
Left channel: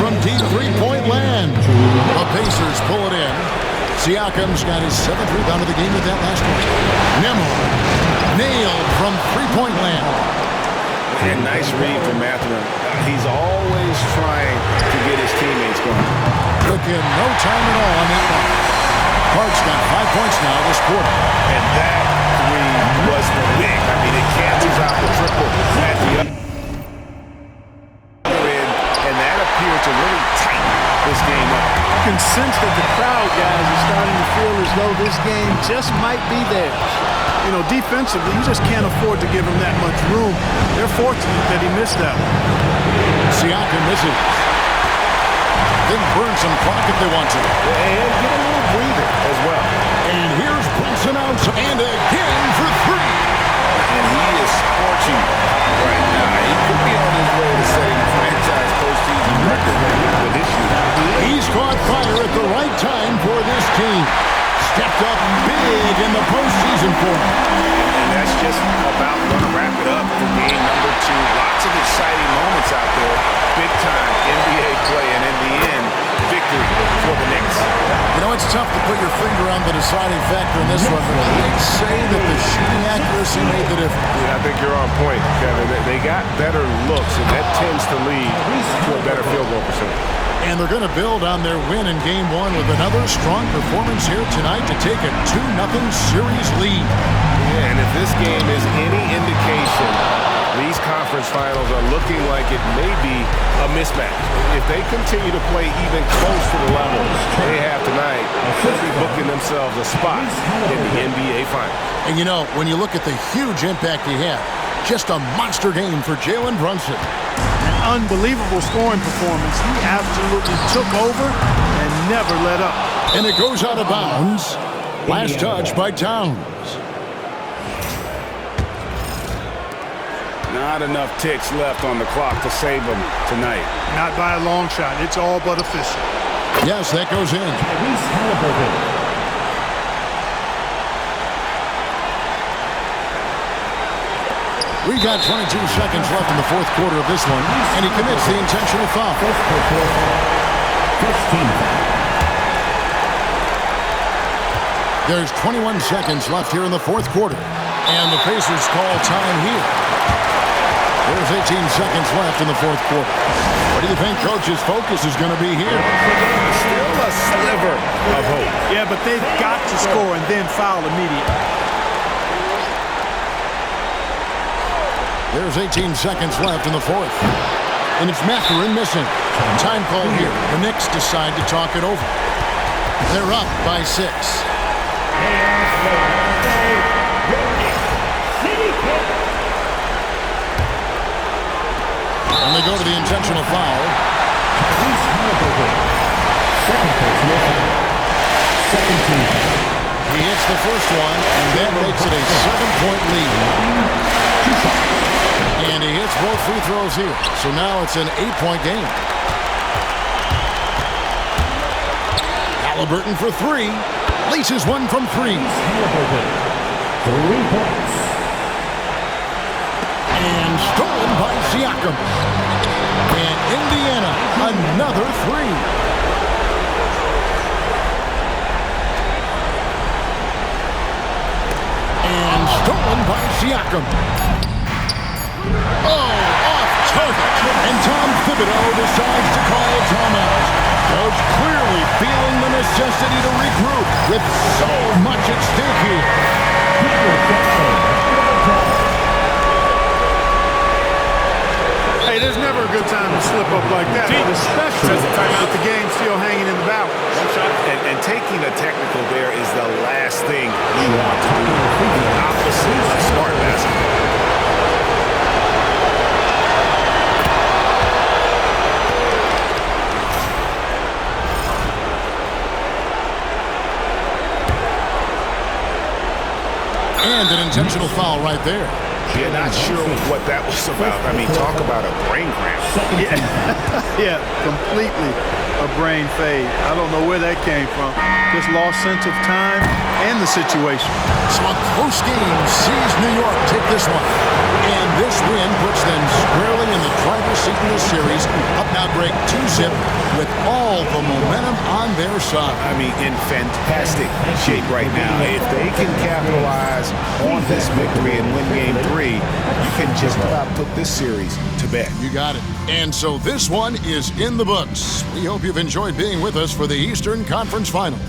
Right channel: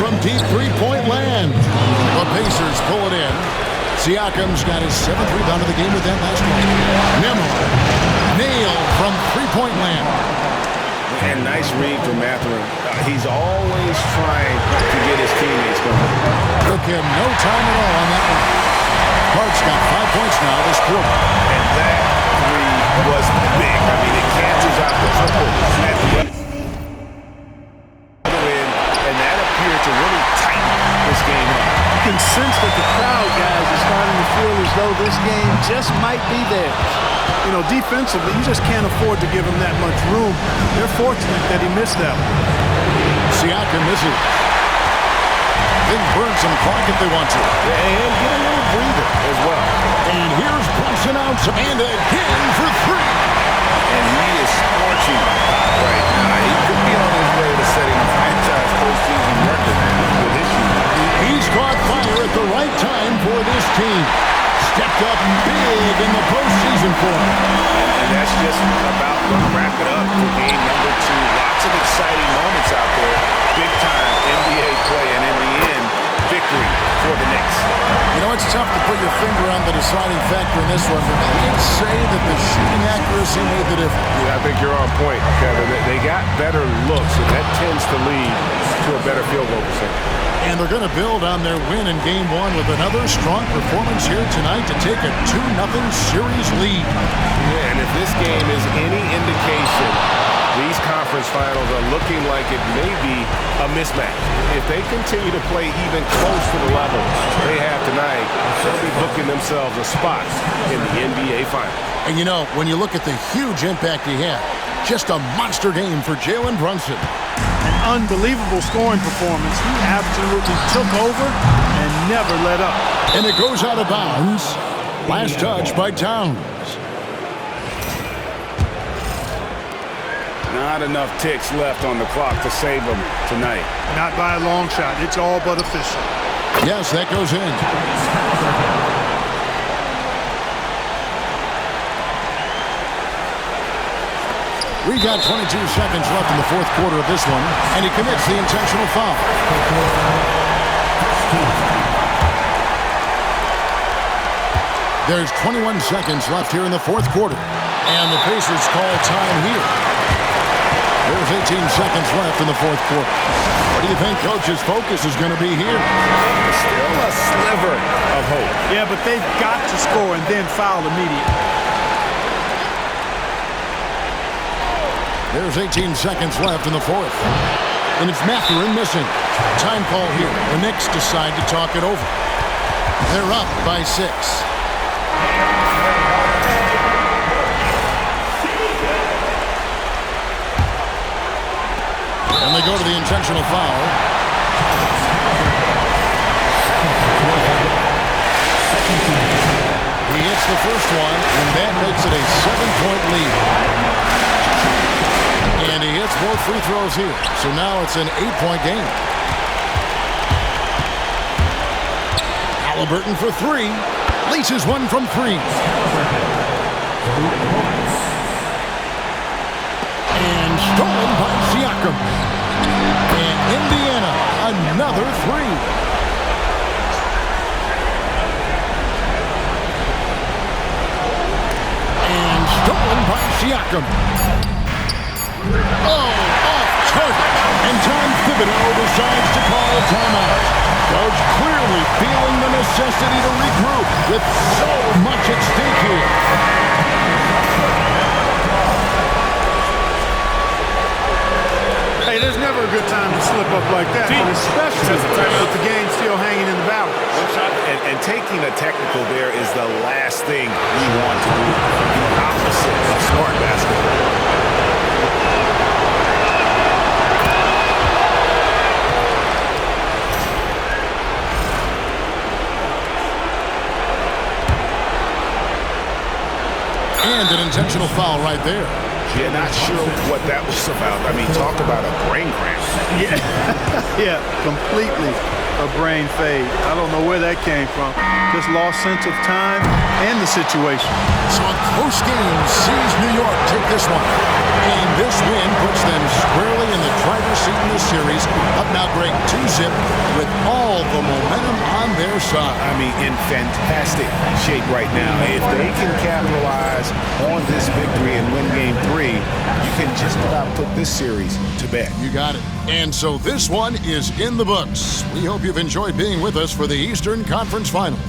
From deep three-point land. The Pacers pull it in. Siakam's got his 7th rebound of the game with that last one. Nembhard nailed from three-point land. And nice read from Mathurin. He's always trying to get his teammates going. Took him no time at all on that one. Hart's got 5 points now this quarter. And that three was big. I mean, it cancels out the triple at the other end, and that appeared to really tighten this game up. You can sense that the crowd, guys, is starting to feel as though this game just might be theirs. You know, defensively, you just can't afford to give him that much room. They're fortunate that he missed that one. Siakam misses. They can burn some clock if they want to. And get a little breather as well. And here's Brunson out, and again for 3. And he is scorching hot right now. He could be on his way to setting a franchise postseason record with his shooting. He's caught fire at the right time for this team. Stepped up big in the postseason for him. And that's just about going to wrap it up for game number 2. Lots of exciting moments out there. Big-time NBA play, and in the end, victory for the Knicks. You know, it's tough to put your finger on the deciding factor in this one, but I'd say that the shooting accuracy made the difference. Yeah, I think you're on point, Kevin. They got better looks, and that tends to lead to a better field goal percentage. And they're going to build on their win in Game 1 with another strong performance here tonight to take a 2-0 series lead. Yeah, and if this game is any indication, these conference finals are looking like it may be a mismatch. If they continue to play even close to the level they have tonight, they'll be booking themselves a spot in the NBA Finals. And you know, when you look at the huge impact he had, just a monster game for Jalen Brunson. An unbelievable scoring performance. He absolutely took over and never let up. And it goes out of bounds. Last touch by Towns. Not enough ticks left on the clock to save them tonight. Not by a long shot. It's all but official. Yes, that goes in. We got 22 seconds left in the 4th quarter of this one, and he commits the intentional foul. There's 21 seconds left here in the 4th quarter, and the Pacers call time here. There's 18 seconds left in the 4th quarter. What do you think Coach's focus is going to be here? Still a sliver of hope. Yeah, but they've got to score and then foul immediately. There's 18 seconds left in the 4th. And it's Mathurin missing. Time call here. The Knicks decide to talk it over. They're up by 6. And they go to the intentional foul. He hits the first one, and that makes it a 7-point lead. And he hits both free throws here. So now it's an 8-point game. Halliburton for 3. Laces one from 3. 3 points. And stolen by Siakam. And Indiana, another 3. And stolen by Siakam. Oh, off target. And Tom Thibodeau decides to call a timeout. Coach clearly feeling the necessity to regroup with so much at stake here. Hey, there's never a good time to slip up like that, but especially with the game still hanging in the balance. One shot, and taking a technical there is the last thing you want to do. The opposite of smart basketball. And an intentional foul right there. Yeah, not sure what that was about. I mean, talk about a brain cramp. Yeah, completely a brain fade. I don't know where that came from. Just lost sense of time and the situation. So a close game sees New York take this one. And this win puts them squarely in the driver's seat in this series. Up now, Greg, 2-zip with all the momentum on their side. I mean, in fantastic shape right now. If they can capitalize on this victory and win Game 3, you can just about put this series to bed. You got it. And so this one is in the books. We hope you've enjoyed being with us for the Eastern Conference Final.